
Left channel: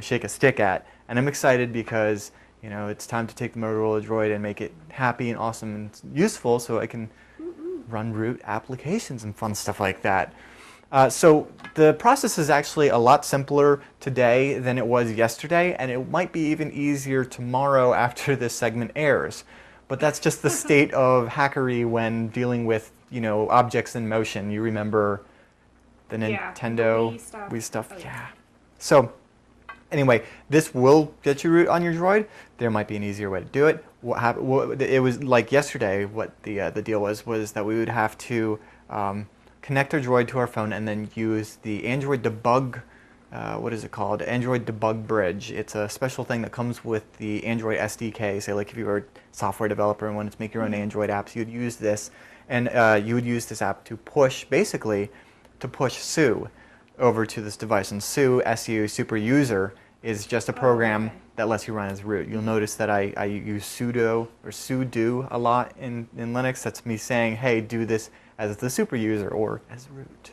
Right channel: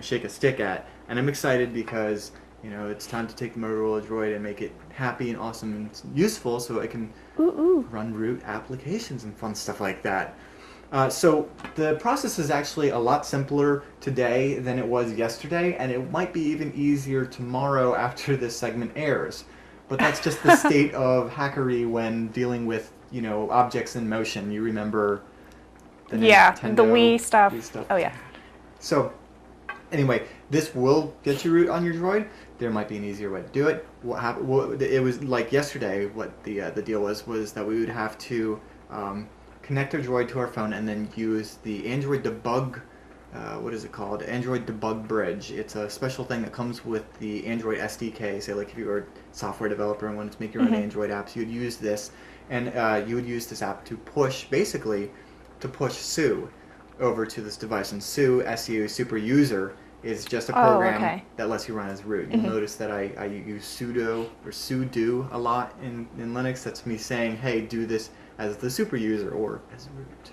shake a stick at. And I'm excited because, it's time to take the Motorola Droid and make it happy and awesome and useful so I can run root applications and fun stuff like that. So the process is actually a lot simpler today than it was yesterday, and it might be even easier tomorrow after this segment airs. But that's just the state of hackery when dealing with, objects in motion. You remember the Nintendo? The Wii stuff. Wii stuff. Oh yeah. So anyway, this will get you root on your droid. There might be an easier way to do it. It was like yesterday. What the deal was that we would have to connect our droid to our phone and then use the Android Debug what is it called? Android Debug Bridge. It's a special thing that comes with the Android SDK. Say, like if you were a software developer and wanted to make your own Android apps, you'd use this, and you would use this app to push, basically, to push Sue over to this device. And Sue, SU, super user, is just a program that lets you run as root. You'll notice that I use sudo or sudo a lot in Linux. That's me saying, hey, do this as the super user or as root.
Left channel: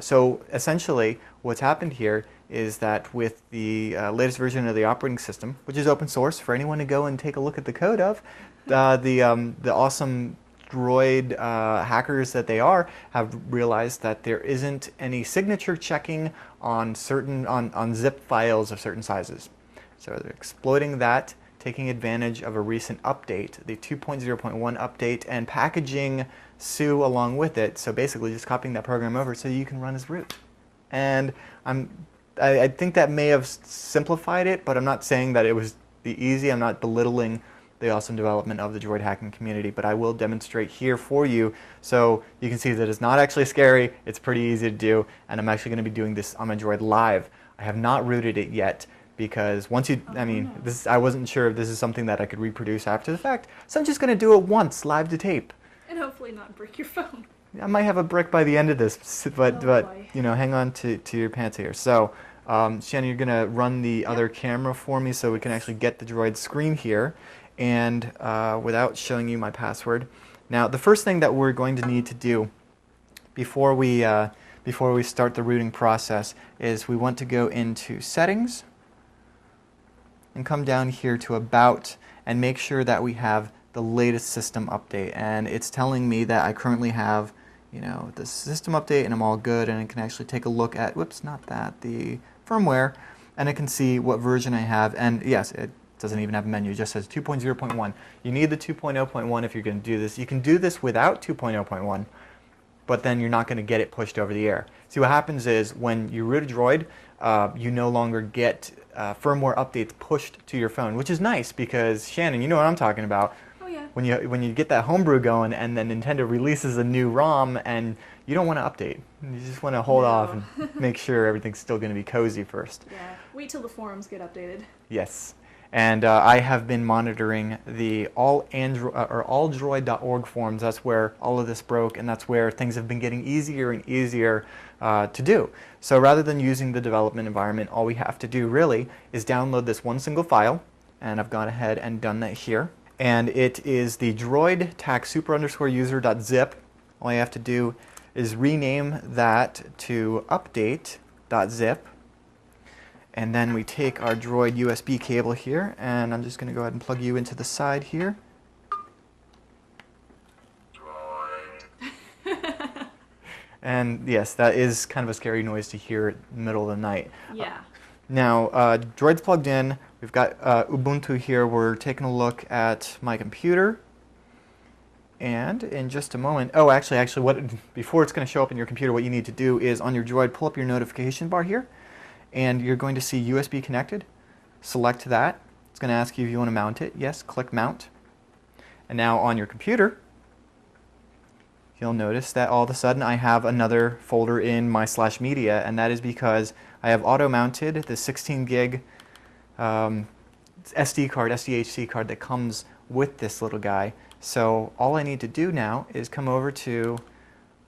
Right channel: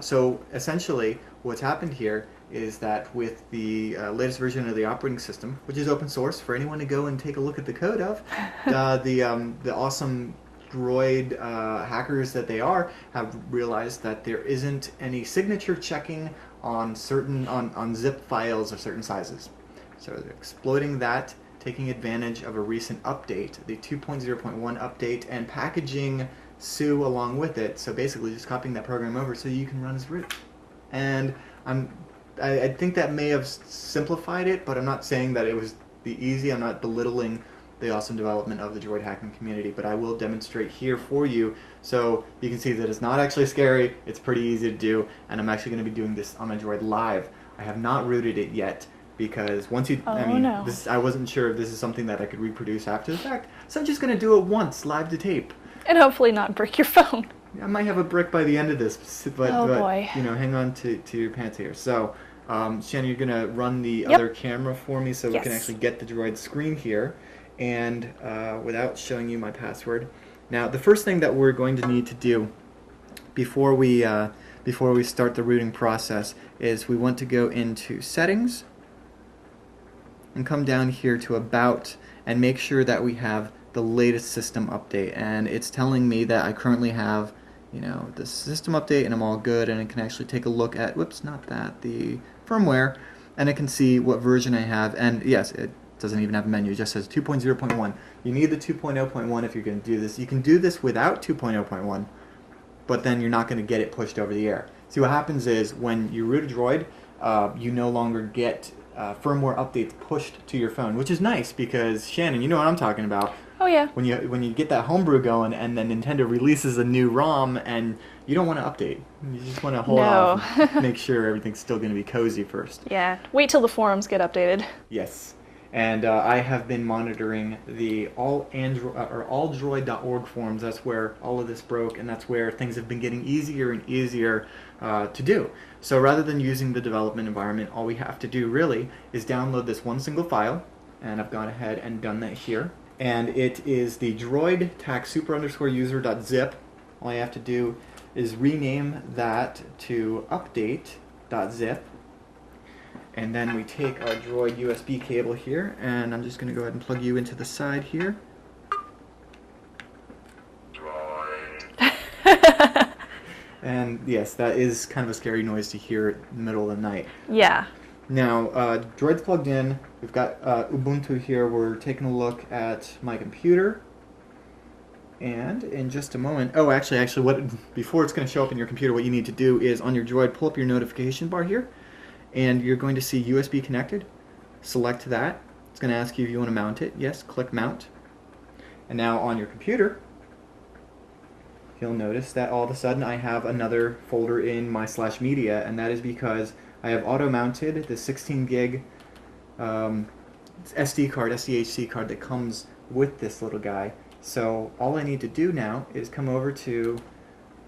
So essentially, what's happened here is that with the latest version of the operating system, which is open source for anyone to go and take a look at the code of, the awesome Droid hackers that they are have realized that there isn't any signature checking on zip files of certain sizes. So they're exploiting that, taking advantage of a recent update, the 2.0.1 update, and packaging Sue along with it. So basically just copying that program over so you can run as root. And I think that may have simplified it, but I'm not saying that it was the easy. I'm not belittling the awesome development of the droid hacking community, but I will demonstrate here for you so you can see that it's not actually scary, it's pretty easy to do, and I'm actually going to be doing this on my droid live. I have not rooted it yet because once you, I wasn't sure if this is something that I could reproduce after the fact, so I'm just going to do it once, live to tape. And hopefully not break your phone. I might have a brick by the end of this, but you know, hang on to your pants here. So, Shannon, you're going to run the other camera for me so we can actually get the droid screen here. And without showing you my password. Now, the first thing that we're going to need to do before we start the rooting process is we want to go into Settings and come down here to About and make sure that we have the latest system update. And it's telling me that I currently have, you know, the system update and I'm all good, and it can actually take a look at, whoops, not that, the firmware, and it can see what version I have. And yes, it doesn't even have a menu, it just says 2.0.1. You need the 2.0.1 if you're going to do this. You can do this without 2.0.1, but then you're not going to get it pushed over the air. See, what happens is when you root a droid, you no longer get firmware updates pushed to your phone, which is nice because, Shannon, you know what I'm talking about. Oh yeah. When you get that homebrew going and then Nintendo releases a new ROM and you don't want to update. You just want to hold off and make sure everything's still going to be cozy first. Yeah. Wait till the forums get updated. Yes. And I have been monitoring the alldroid.org forums. That's where all of this broke, and that's where things have been getting easier and easier to do. So rather than using the development environment, all we have to do really is download this one single file, and I've gone ahead and done that here. And it is the droid tac super_user.zip. All I have to do is rename that to update.zip. And then we take our droid USB cable here, and I'm just going to go ahead and plug you into the side here. Droid. And yes, that is kind of a scary noise to hear in the middle of the night. Yeah. Now, droid's plugged in. We've got Ubuntu here. We're taking a look at my computer. And in just a moment, before it's going to show up in your computer, what you need to do is on your droid, pull up your notification bar here. And you're going to see USB connected. Select that. It's going to ask you if you want to mount it. Yes, click Mount. And now on your computer, you'll notice that all of a sudden I have another folder in my /media, and that is because I have auto-mounted the 16 gig SDHC card that comes with this little guy. So all I need to do now is come over to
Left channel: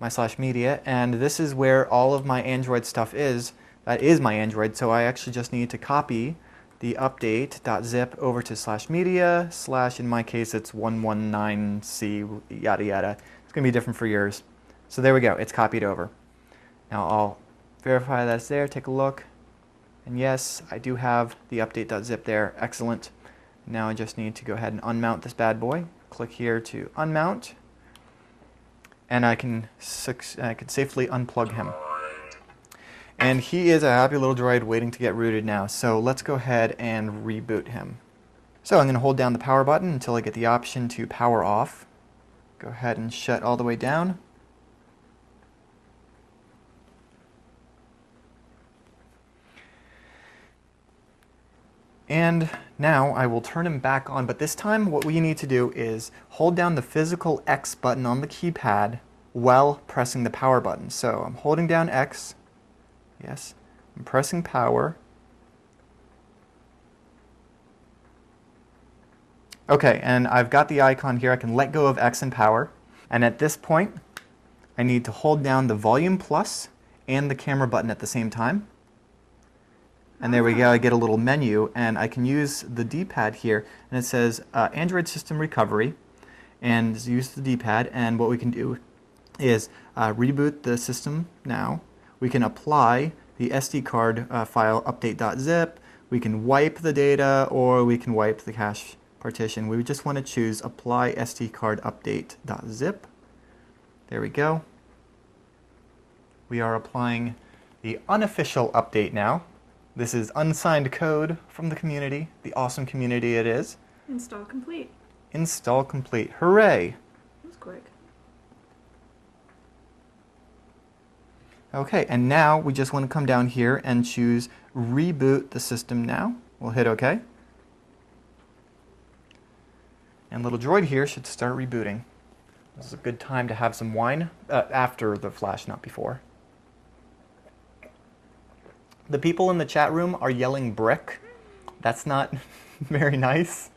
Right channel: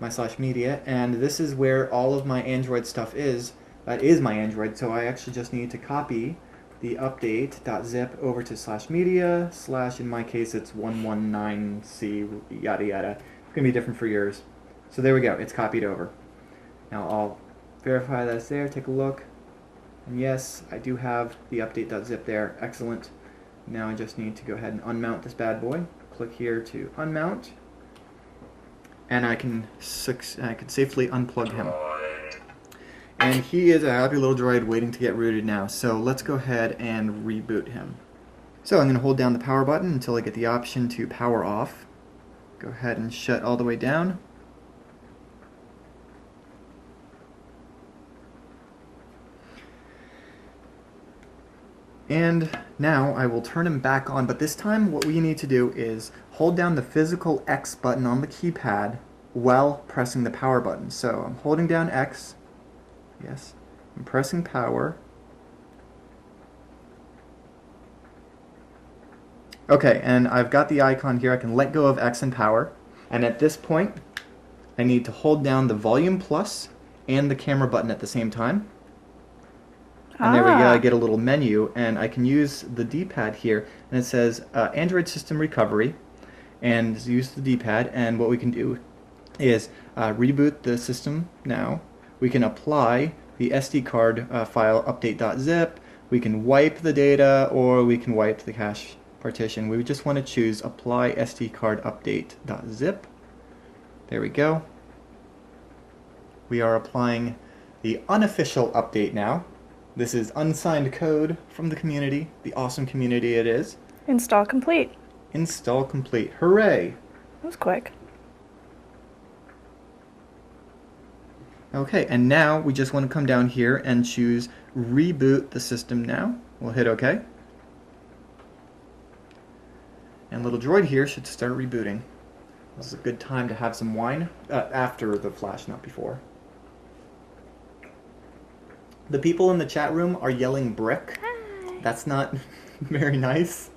my /media, and this is where all of my Android stuff is. That is my Android, so I actually just need to copy the update.zip over to /media / in my case it's 119C yada yada. It's going to be different for yours. So there we go, it's copied over. Now I'll verify that's there, take a look, and yes, I do have the update.zip there. Excellent. Now I just need to go ahead and unmount this bad boy. Click here to unmount, and I can safely unplug him. And he is a happy little droid waiting to get rooted now. So let's go ahead and reboot him. So I'm going to hold down the power button until I get the option to power off. Go ahead and shut all the way down. And now I will turn him back on, but this time what we need to do is hold down the physical X button on the keypad while pressing the power button. So I'm holding down X. Yes. I'm pressing power. Okay, and I've got the icon here. I can let go of X and power. And at this point, I need to hold down the volume plus and the camera button at the same time. And there we go, I get a little menu, and I can use the D-pad here, and it says Android System Recovery, and use the D-pad, and what we can do is reboot the system now. We can apply the SD card file update.zip, we can wipe the data, or we can wipe the cache partition. We just want to choose apply SD card update.zip. There we go. We are applying the unofficial update now. This is unsigned code from the community, the awesome community it is. Install complete. Install complete. Hooray! That was quick. Okay, and now we just want to come down here and choose Reboot the System now. We'll hit OK. And little droid here should start rebooting. This is a good time to have some wine after the flash, not before. The people in the chat room are yelling brick. That's not very nice.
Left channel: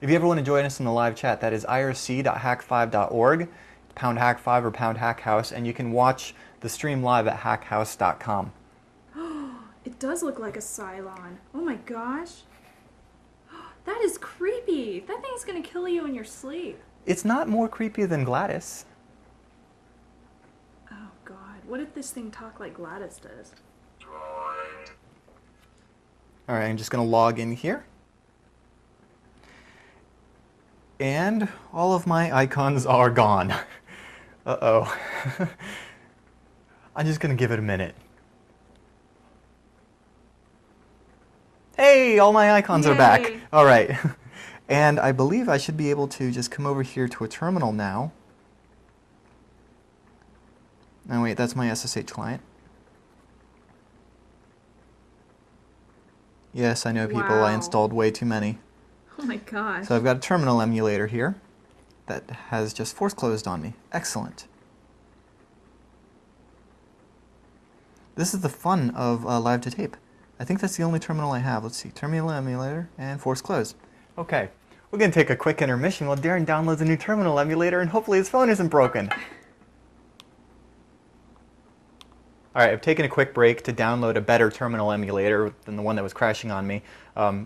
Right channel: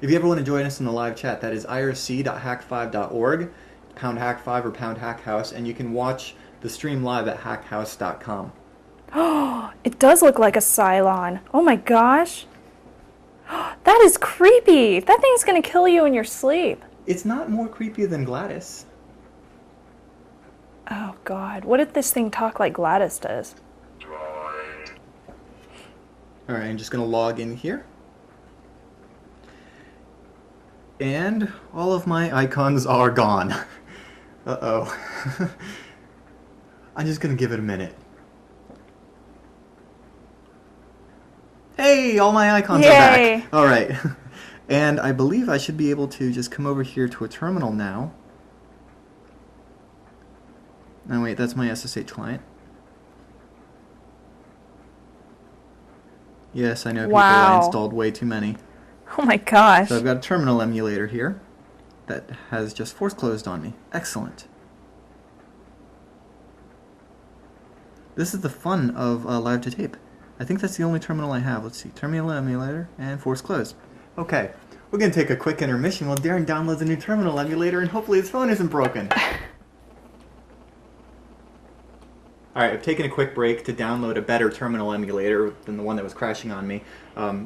If you ever want to join us in the live chat, that is irc.hak5.org, #Hak5 or #Hakhouse, and you can watch the stream live at hakhouse.com. Oh, it does look like a Cylon. Oh my gosh. That is creepy. That thing's going to kill you in your sleep. It's not more creepy than Gladys. Oh God, what if this thing talk like Gladys does? Alright, I'm just going to log in here. And all of my icons are gone. Uh-oh. I'm just going to give it a minute. Hey, all my icons are back. Alright. And I believe I should be able to just come over here to a terminal now. Oh wait, that's my SSH client. Yes, I know people. I installed way too many. Oh my gosh. So I've got a terminal emulator here that has just force closed on me. Excellent. This is the fun of live to tape. I think that's the only terminal I have. Let's see, terminal emulator and force closed. Okay, we're going to take a quick intermission while Darren downloads a new terminal emulator and hopefully his phone isn't broken. Alright, I've taken a quick break to download a better terminal emulator than the one that was crashing on me.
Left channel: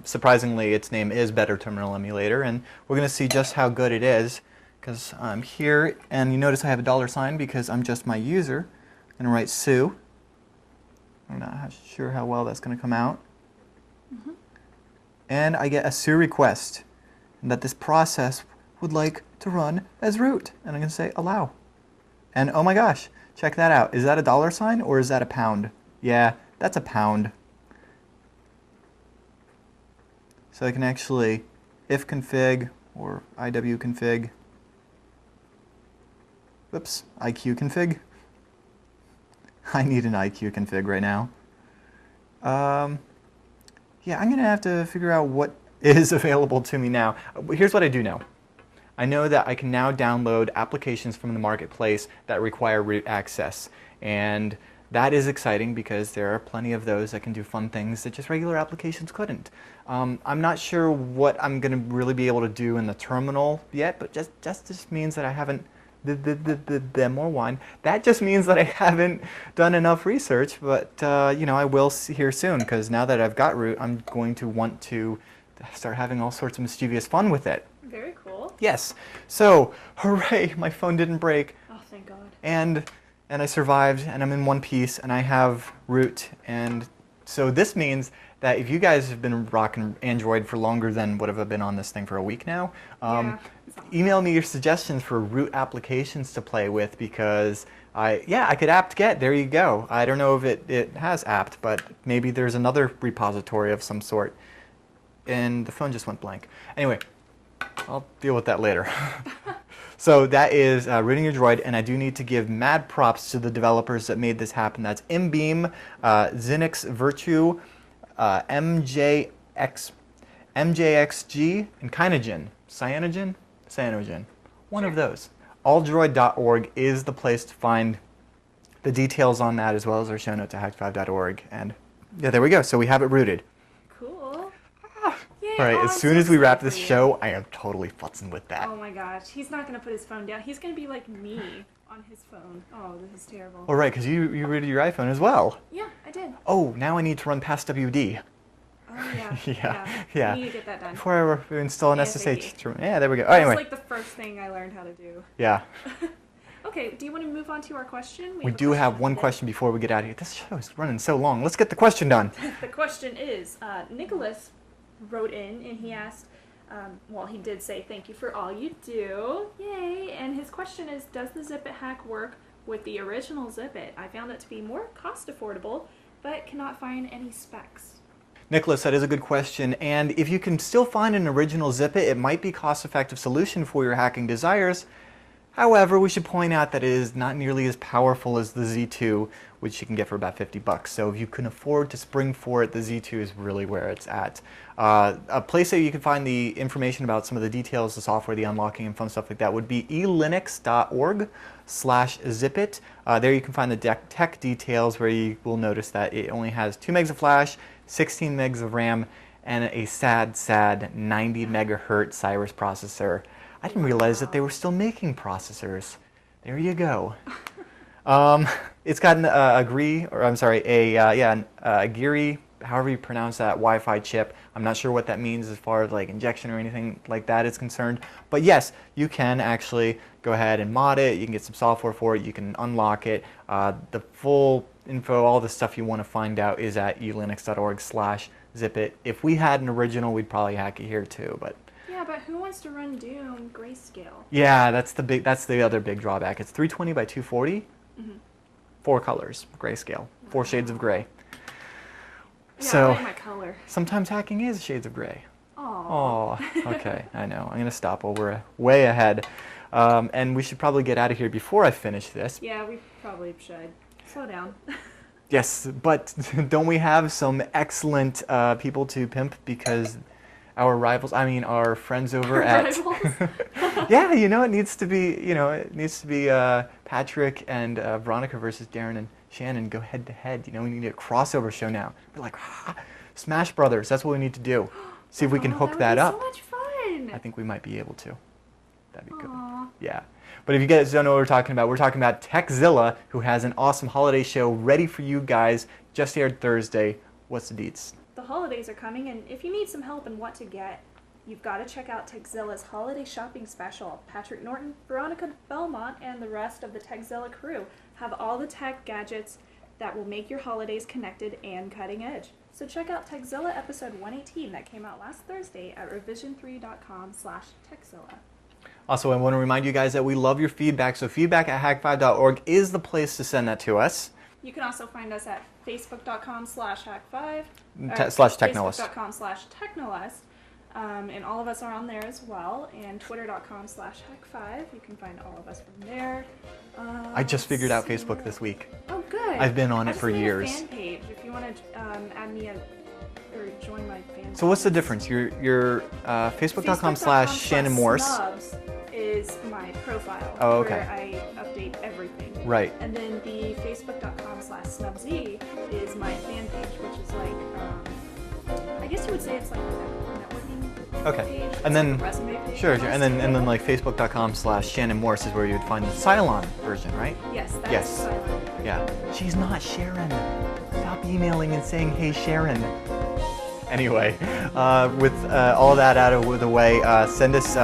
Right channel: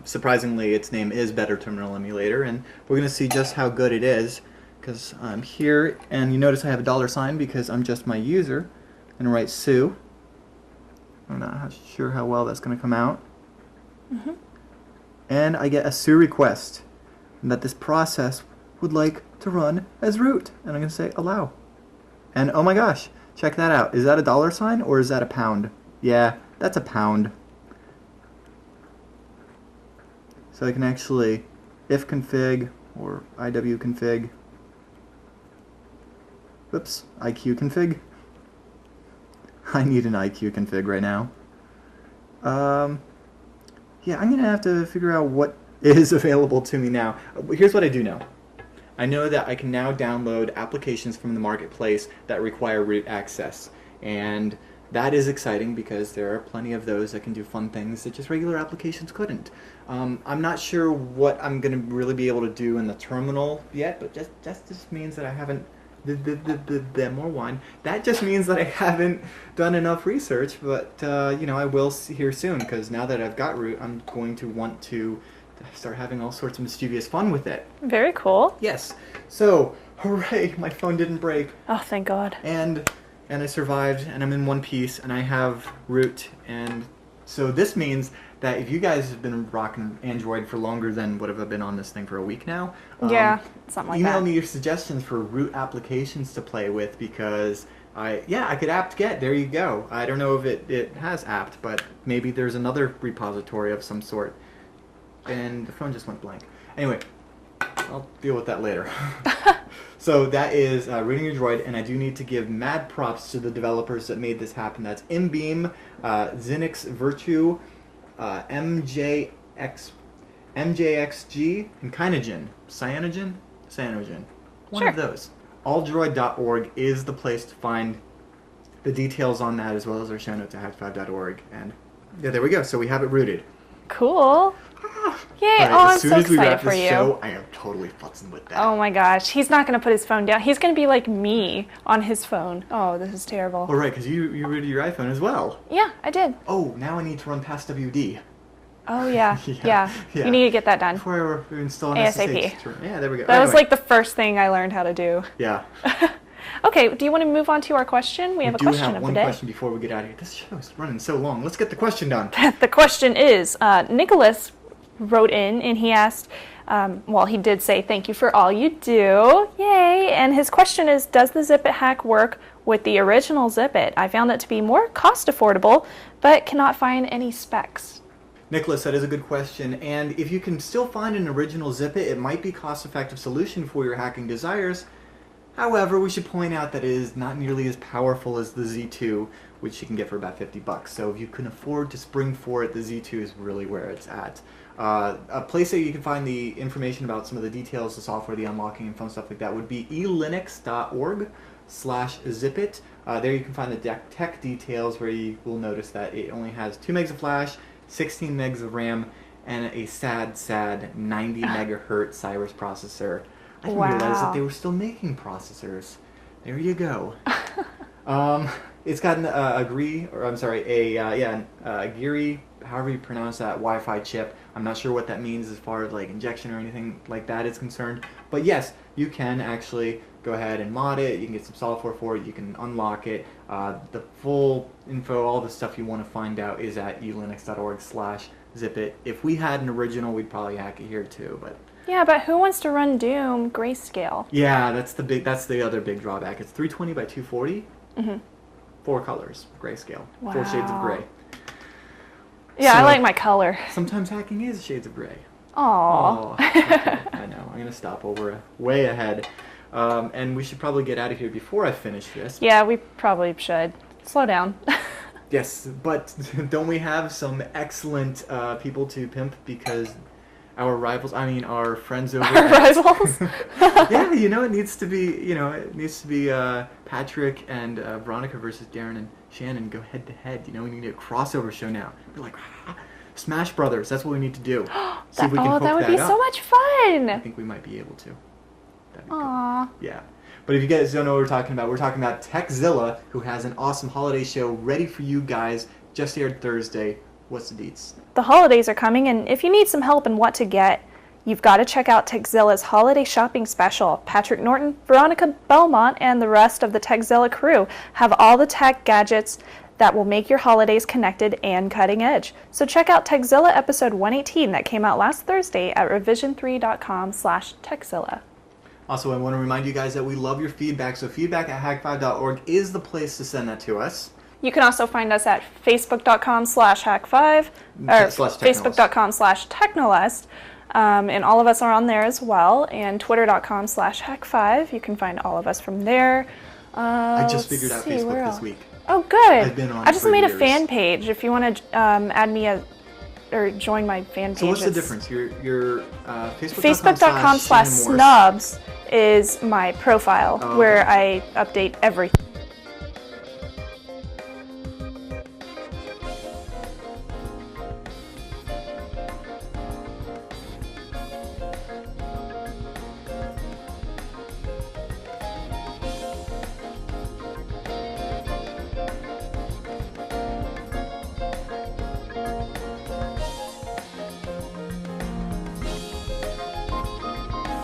Surprisingly, its name is Better Terminal Emulator, and we're going to see just how good it is, because I'm here, and you notice I have a $sign because I'm just my user. I'm going to write Sue. I'm not sure how well that's going to come out. And I get a Sue request that this process would like to run as root, and I'm going to say allow. And oh my gosh! Check that out. Is that a $sign or is that a pound? Yeah, that's a pound. So I can actually if config or IW config. Whoops, IQ config. I need an IQ config right now. Yeah, I'm going to have to figure out what is available to me now. Here's what I do know. I know that I can now download applications from the marketplace that require root access, and that is exciting because there are plenty of those that can do fun things that just regular applications couldn't. I'm not sure what I'm going to really be able to do in the terminal yet, but just means that I haven't more wine. That just means that I haven't done enough research, but you know, I will here soon, because now that I've got root, I'm going to want to start having all sorts of mischievous fun with it. Very cool. Yes. So, hooray, my phone didn't break. Oh, thank God. And I survived, and I'm in one piece, and I have root, and so this means that if you guys have been rocking Android for longer than what have I been on this thing for a week now, yeah, something like email that. me your suggestions for root applications to play with, because I could apt-get, there you go. I don't know if it has apt, but maybe there's another repository of some sort. And the phone just went blank. Anyway, I'll deal with that later. So that is rooting your droid, and I do need to give mad props to the developers that made this happen. That's Imbeam, Xenix Virtue, MJXG, and Kynogen. Cyanogen? One Sure. of those. Alldroid.org is the place to find the details on that as well as our show notes at hak5.org. And yeah, there we go. So we have it rooted. Cool. Yay! All right, I'm as soon so as we wrap excited this for you. show, I am totally futzing with that. Oh my gosh, he's not going to put his phone down. He's going to be like me on his phone. Oh, this is terrible. Oh, right, because you rooted your iPhone as well. Yeah, I did. Oh, now I need to run past WD. Oh yeah, Yeah. You need to get that done. Before I install an ASAP. SSH. Yeah, there we go. That Anyway. was like the first thing I learned how to do. Yeah. Okay, do you want to move on to our question? We have a question do have of one the day. question before we get out of here. This show is running so long. Let's get the question done. The question is, Nicholas wrote in and he asked, well, he did say thank you for all you do. Yay! And his question is, does the Zipit hack work with the original Zipit? I found it to be more cost affordable, but cannot find any specs. Nicholas, that is a good question. And if you can still find an original Zipit, it might be a cost-effective solution for your hacking desires. However, we should point out that it is not nearly as powerful as the Z2, which you can get for about $50. So if you can afford to spring for it, the Z2 is really where it's at. A place that you can find the information about some of the details, the software, the unlocking, and fun stuff like that would be elinux.org/zipit. There you can find the tech details where you will notice that it only has 2 megs of flash, 16 megs of RAM, and a sad 90 megahertz Cyrus processor. I didn't realize that they were still making processors. There you go. It's got a Geary, however you pronounce that, Wi-Fi chip. I'm not sure what that means as far as like injection or anything like that is concerned. But yes, you can actually go ahead and mod it. You can get some software for it. You can unlock it. The full info, all the stuff you want to find out is at elinux.org/zipit. If we had an original, we'd probably hack it here too. But yeah, but who wants to run Doom grayscale? yeah, that's the other big drawback. It's 320 by 240. 4 colors, grayscale. 4 shades of gray. Yeah, So, I like my color. Sometimes hacking is shades of gray. Aww. Oh, okay, I know. I'm going to stop over way ahead. And we should probably get out of here before I finish this. Yeah, we probably should. Slow down. Yes, but don't we have some excellent people to pimp because our friends over at... Rivals? Yeah, it needs to be, Patrick and Veronica versus Darren and Shannon go head to head. We need a crossover show now. We're like, Smash Brothers, that's what we need to do. See if we can hook that up. That would be so much fun. I think we might be able to. That'd be Aww. good. Yeah. But if you guys don't know what we're talking about Techzilla, who has an awesome holiday show ready for you guys, just aired Thursday. What's the deets? The holidays are coming, and if you need some help in what to get, you've got to check out Techzilla's holiday shopping special. Patrick Norton, Veronica Belmont, and the rest of the Techzilla crew have all the tech gadgets that will make your holidays connected and cutting edge. So check out Techzilla episode 118 that came out last Thursday at revision3.com/Techzilla. Also, I want to remind you guys that we love your feedback, so feedback at hak5.org is the place to send that to us. You can also find us at facebook.com/hak5 or facebook.com/technolist. And all of us are on there as well. And twitter.com/hak5. You can find all of us from there. I just figured out Facebook this week. Oh, good. I've been on I just for made years. a fan page. If you want to add me or join my fan page. So what's the difference? Your Facebook.com/ShannonMorse. Facebook.com/snubs is my profile where I update everything. Right. And then the Facebook.com/snubsy is my fan page, which is like, I guess you would say it's like Okay. And then sure. And then like Facebook.com/ShannonMorse is where you would find the Cylon version, right? Yes. Yes. Yeah. She's not Sharon. Stop emailing and saying, "Hey, Sharon." Anyway, with all that out of the way, send us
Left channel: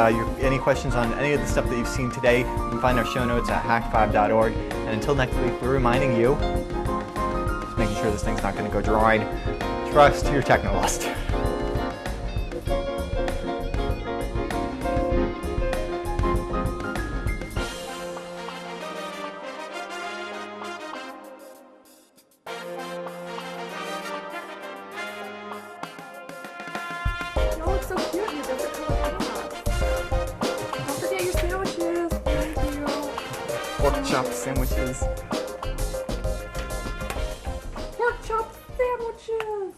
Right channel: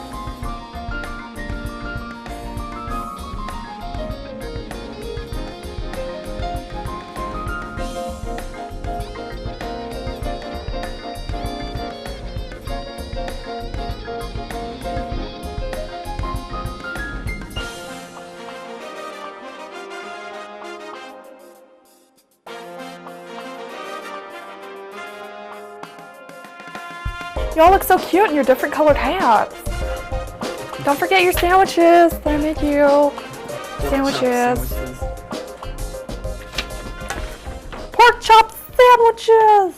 any questions on any of the stuff that you've seen today. You can find our show notes at hak5.org. And until next week, we're reminding you, making sure this thing's not going to go droid. Trust your technolist. Y'all look so cute in your different colored hats. Don't forget your sandwiches. They make you sandwiches. Pork chop sandwiches.